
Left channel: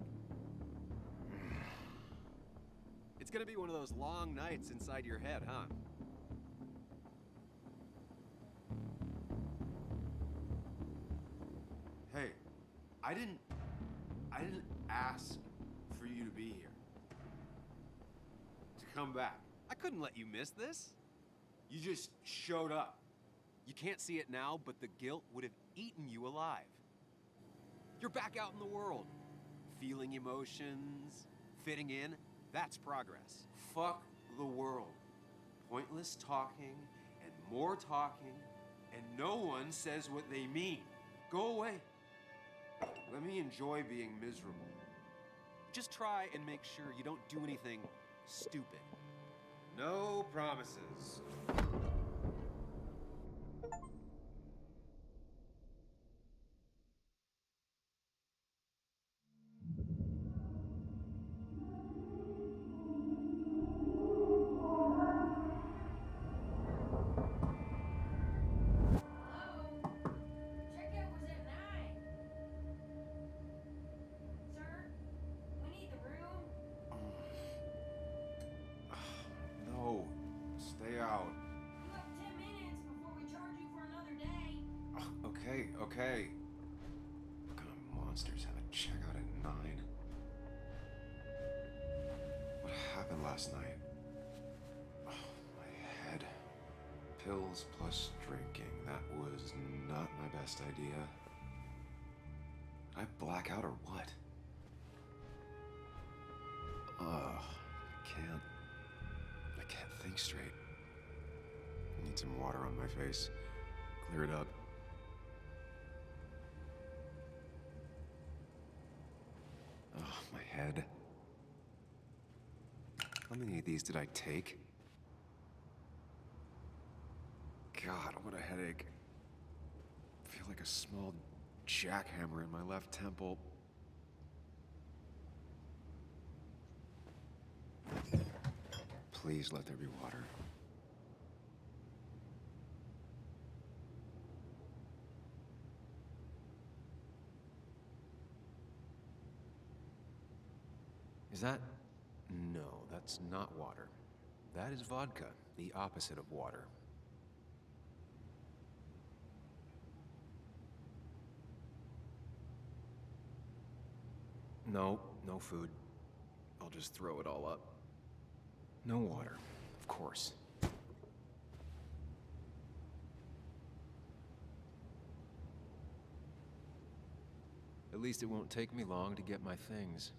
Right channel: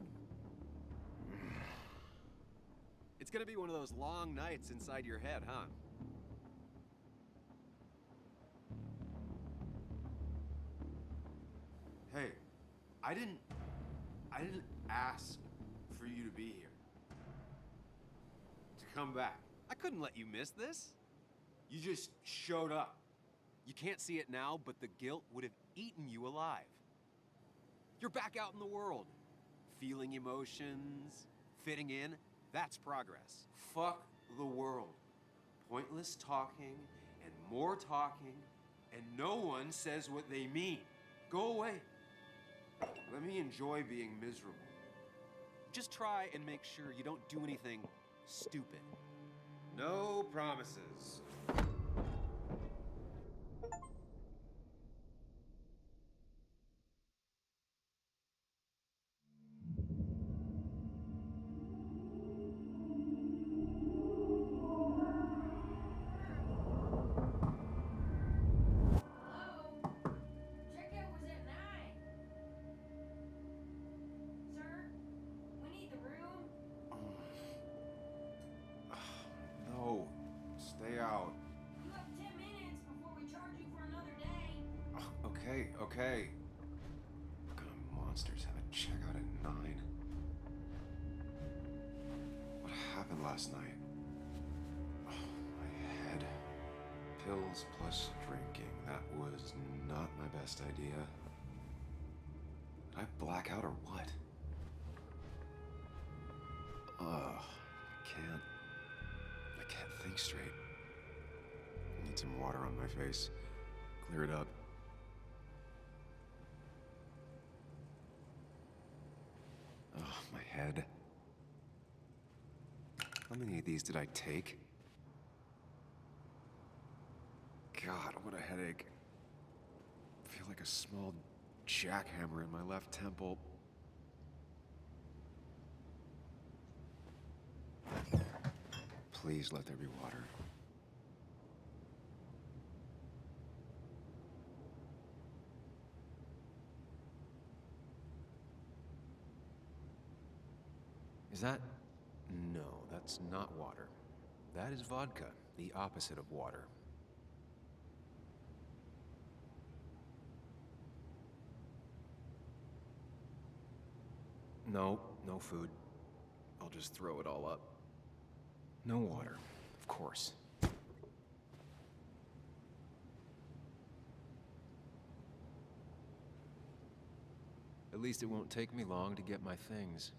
It's gonna be one of those long nights inside your head, huh? Hey, I didn't ask for you to be here. To come back. I couldn't let you miss this. You just showed up. You can't see it now, but the guilt would have eaten you alive. You're back out in the world, feeling emotions, fitting in. That's progress. Fuck the world. Pointless talking and more talking, and no one says what they mean. Go away. Let me enjoy being miserable. Just try and make sure you don't do anything stupid. No promises. No, stay out. Okay. What kind of monsters have a checkout at 9? What happened last night? Oh, my head. Pills plus drinking. That was not my best idea. Did I black out or what? I can't think straight. I need some water on my face. Clear it up. Oh, my head. How many of these did I take? God, what a headache. I feel like a small jackhammer in my left temple. Please let there be water. Is that? No, that's not water. That is vodka, the opposite of water. No, no food. I'll just throw it all up. No water, of course. At least it won't take me long to get my things.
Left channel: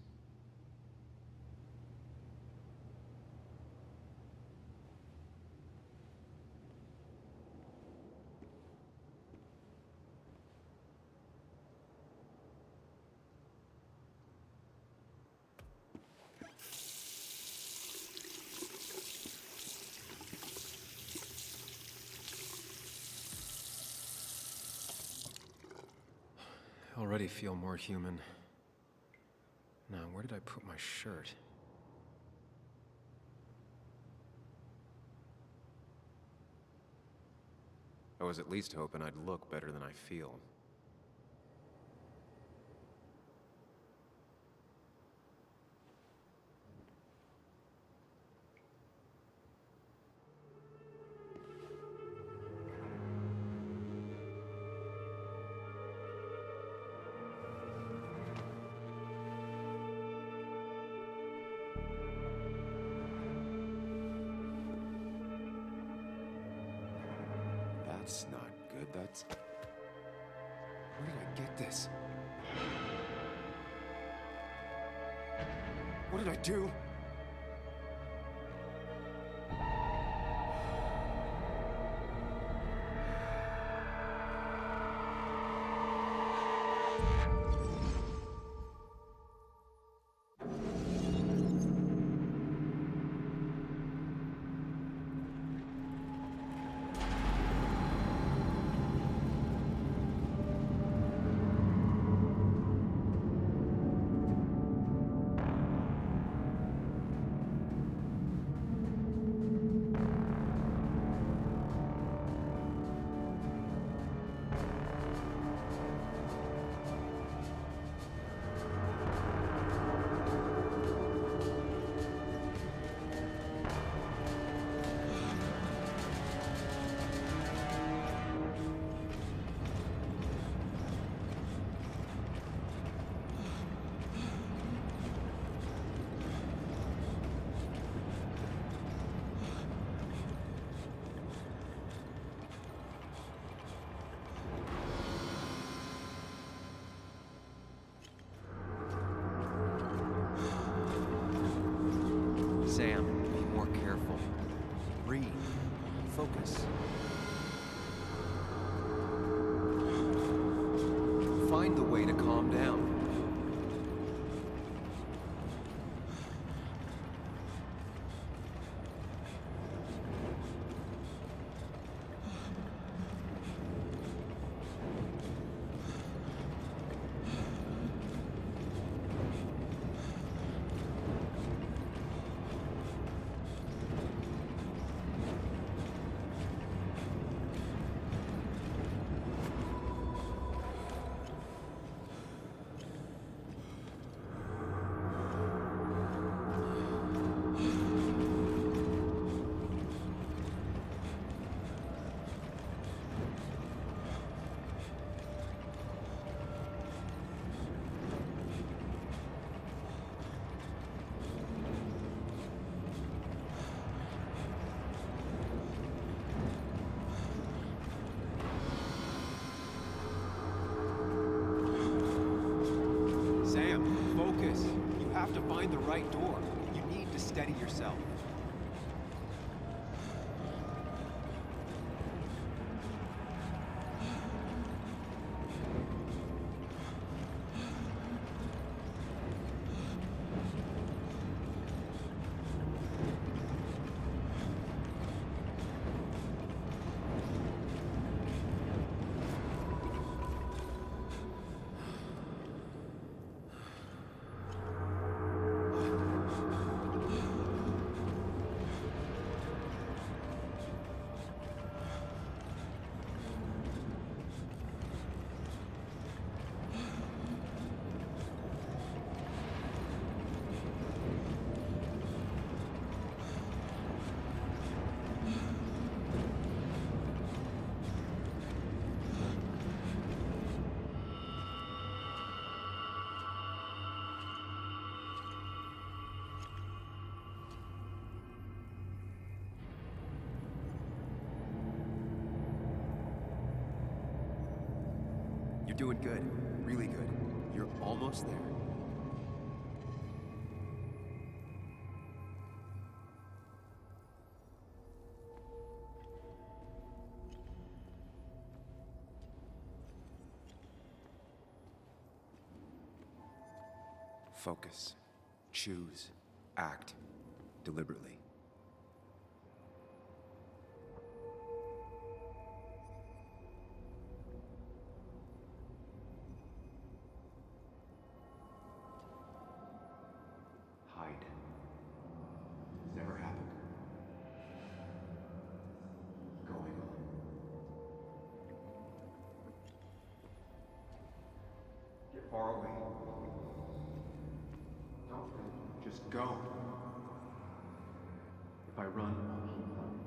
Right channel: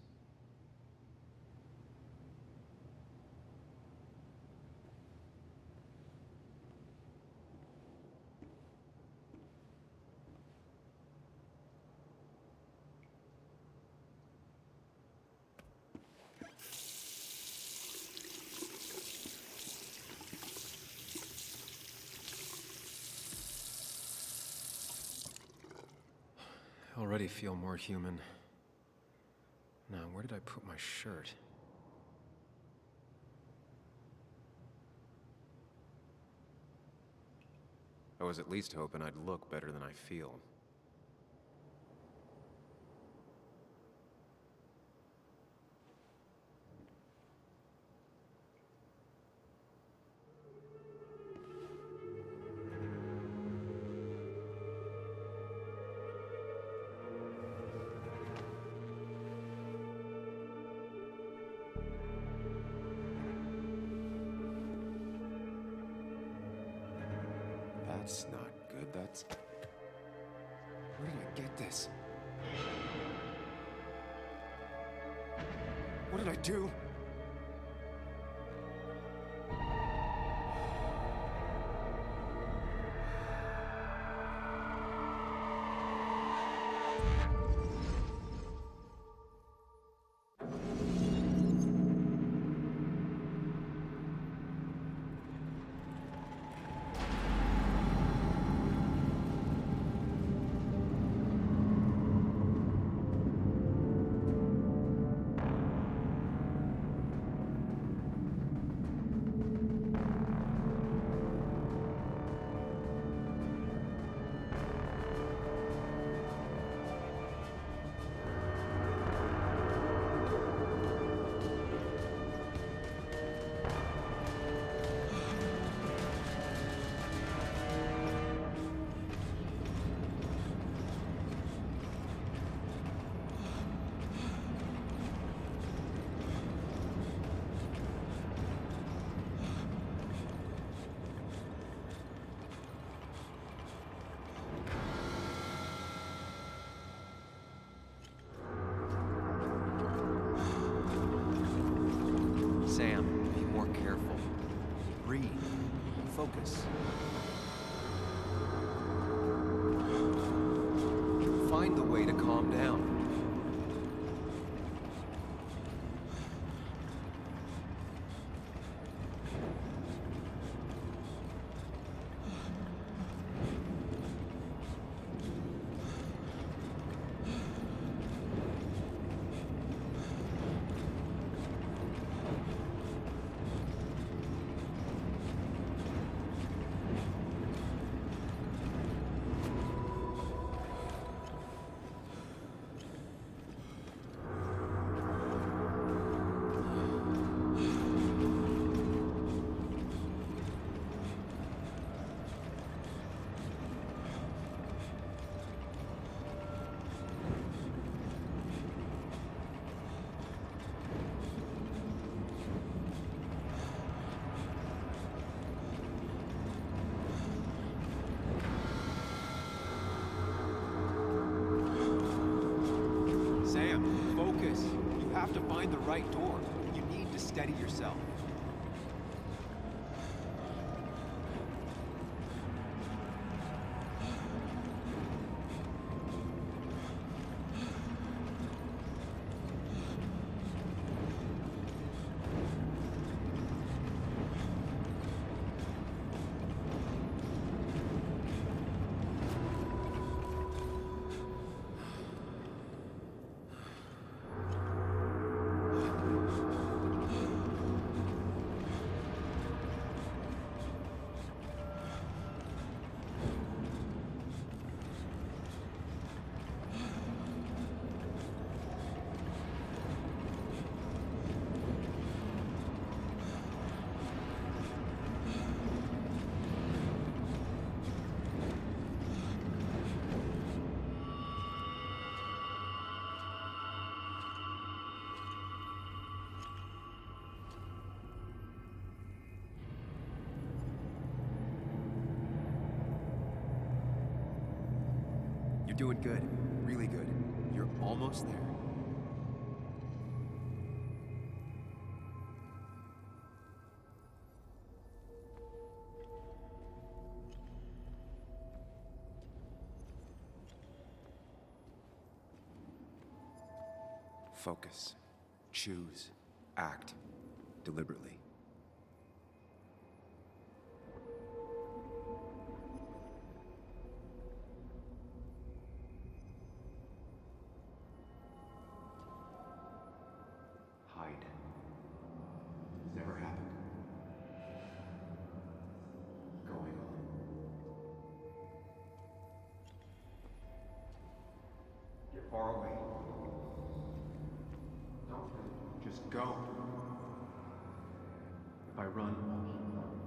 I already feel more human. Now, where did I put my shirt? I was at least hoping I'd look better than I feel. That's not good. That's... Where did I get this? What did I do? Sam, be more careful. Breathe. Focus. Find the way to calm down. have to find the right door. You need to steady yourself. You're doing good. Really good. You're almost there. Focus. Choose. Act. Deliberately. Hide. It's never happened. Going on. Get far away. Don't think. Just go. If I run, I'll keep running.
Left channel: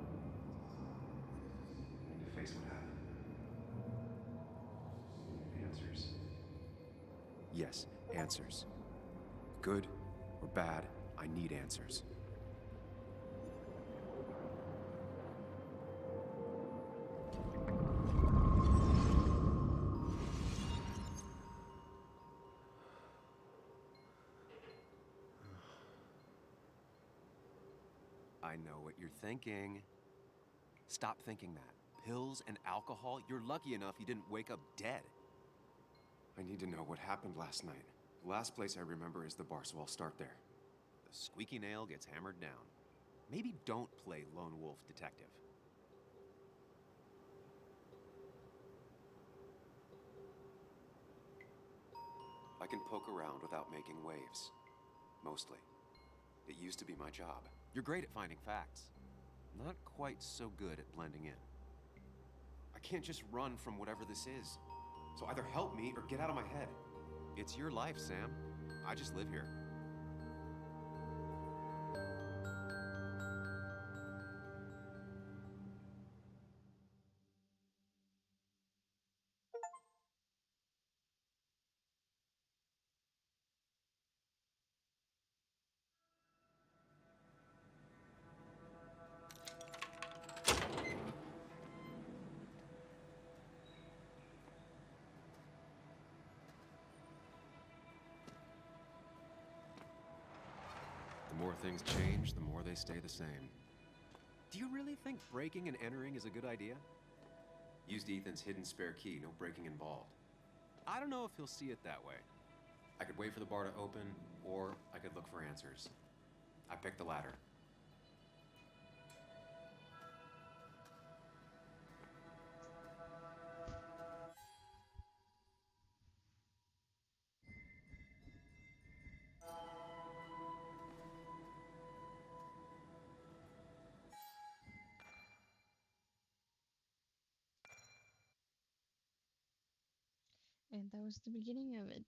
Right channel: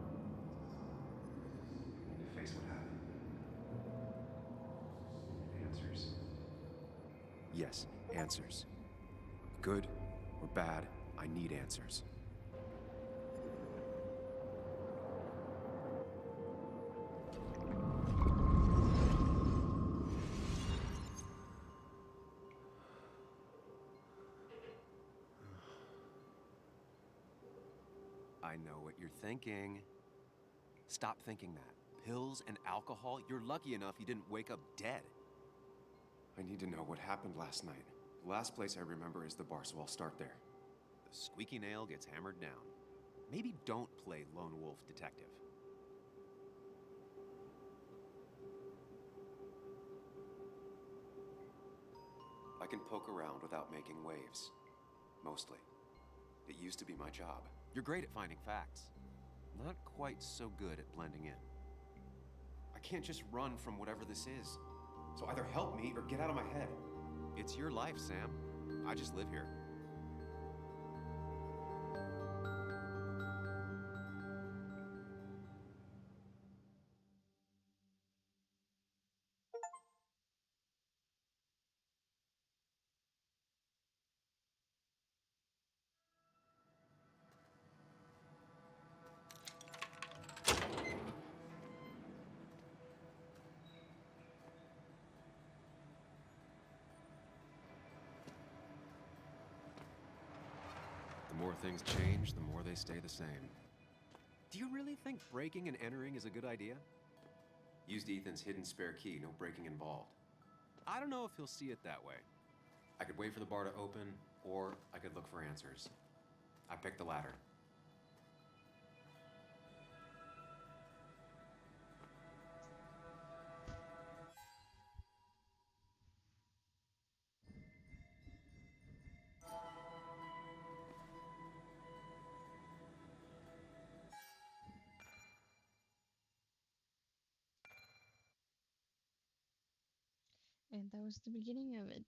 I need to face what happened. Answers. Yes, answers. Good or bad, I need answers. I know what you're thinking. Stop thinking that. Pills and alcohol, you're lucky enough you didn't wake up dead. I need to know what happened last night. The last place I remember is the bar, so I'll start there. The squeaky nail gets hammered down. Maybe don't play lone wolf detective. I can poke around without making waves. Mostly. It used to be my job. You're great at finding facts. Not quite so good at blending in. I can't just run from whatever this is. So either help me or get out of my head. It's your life, Sam. I just live here. The more things change, the more they stay the same. Do you really think breaking and entering is a good idea? Used Ethan's hidden spare key, no breaking involved. I don't know if he'll see it that way. I could wait for the bar to open, or I could look for answers. I picked the latter. And that was the beginning of it.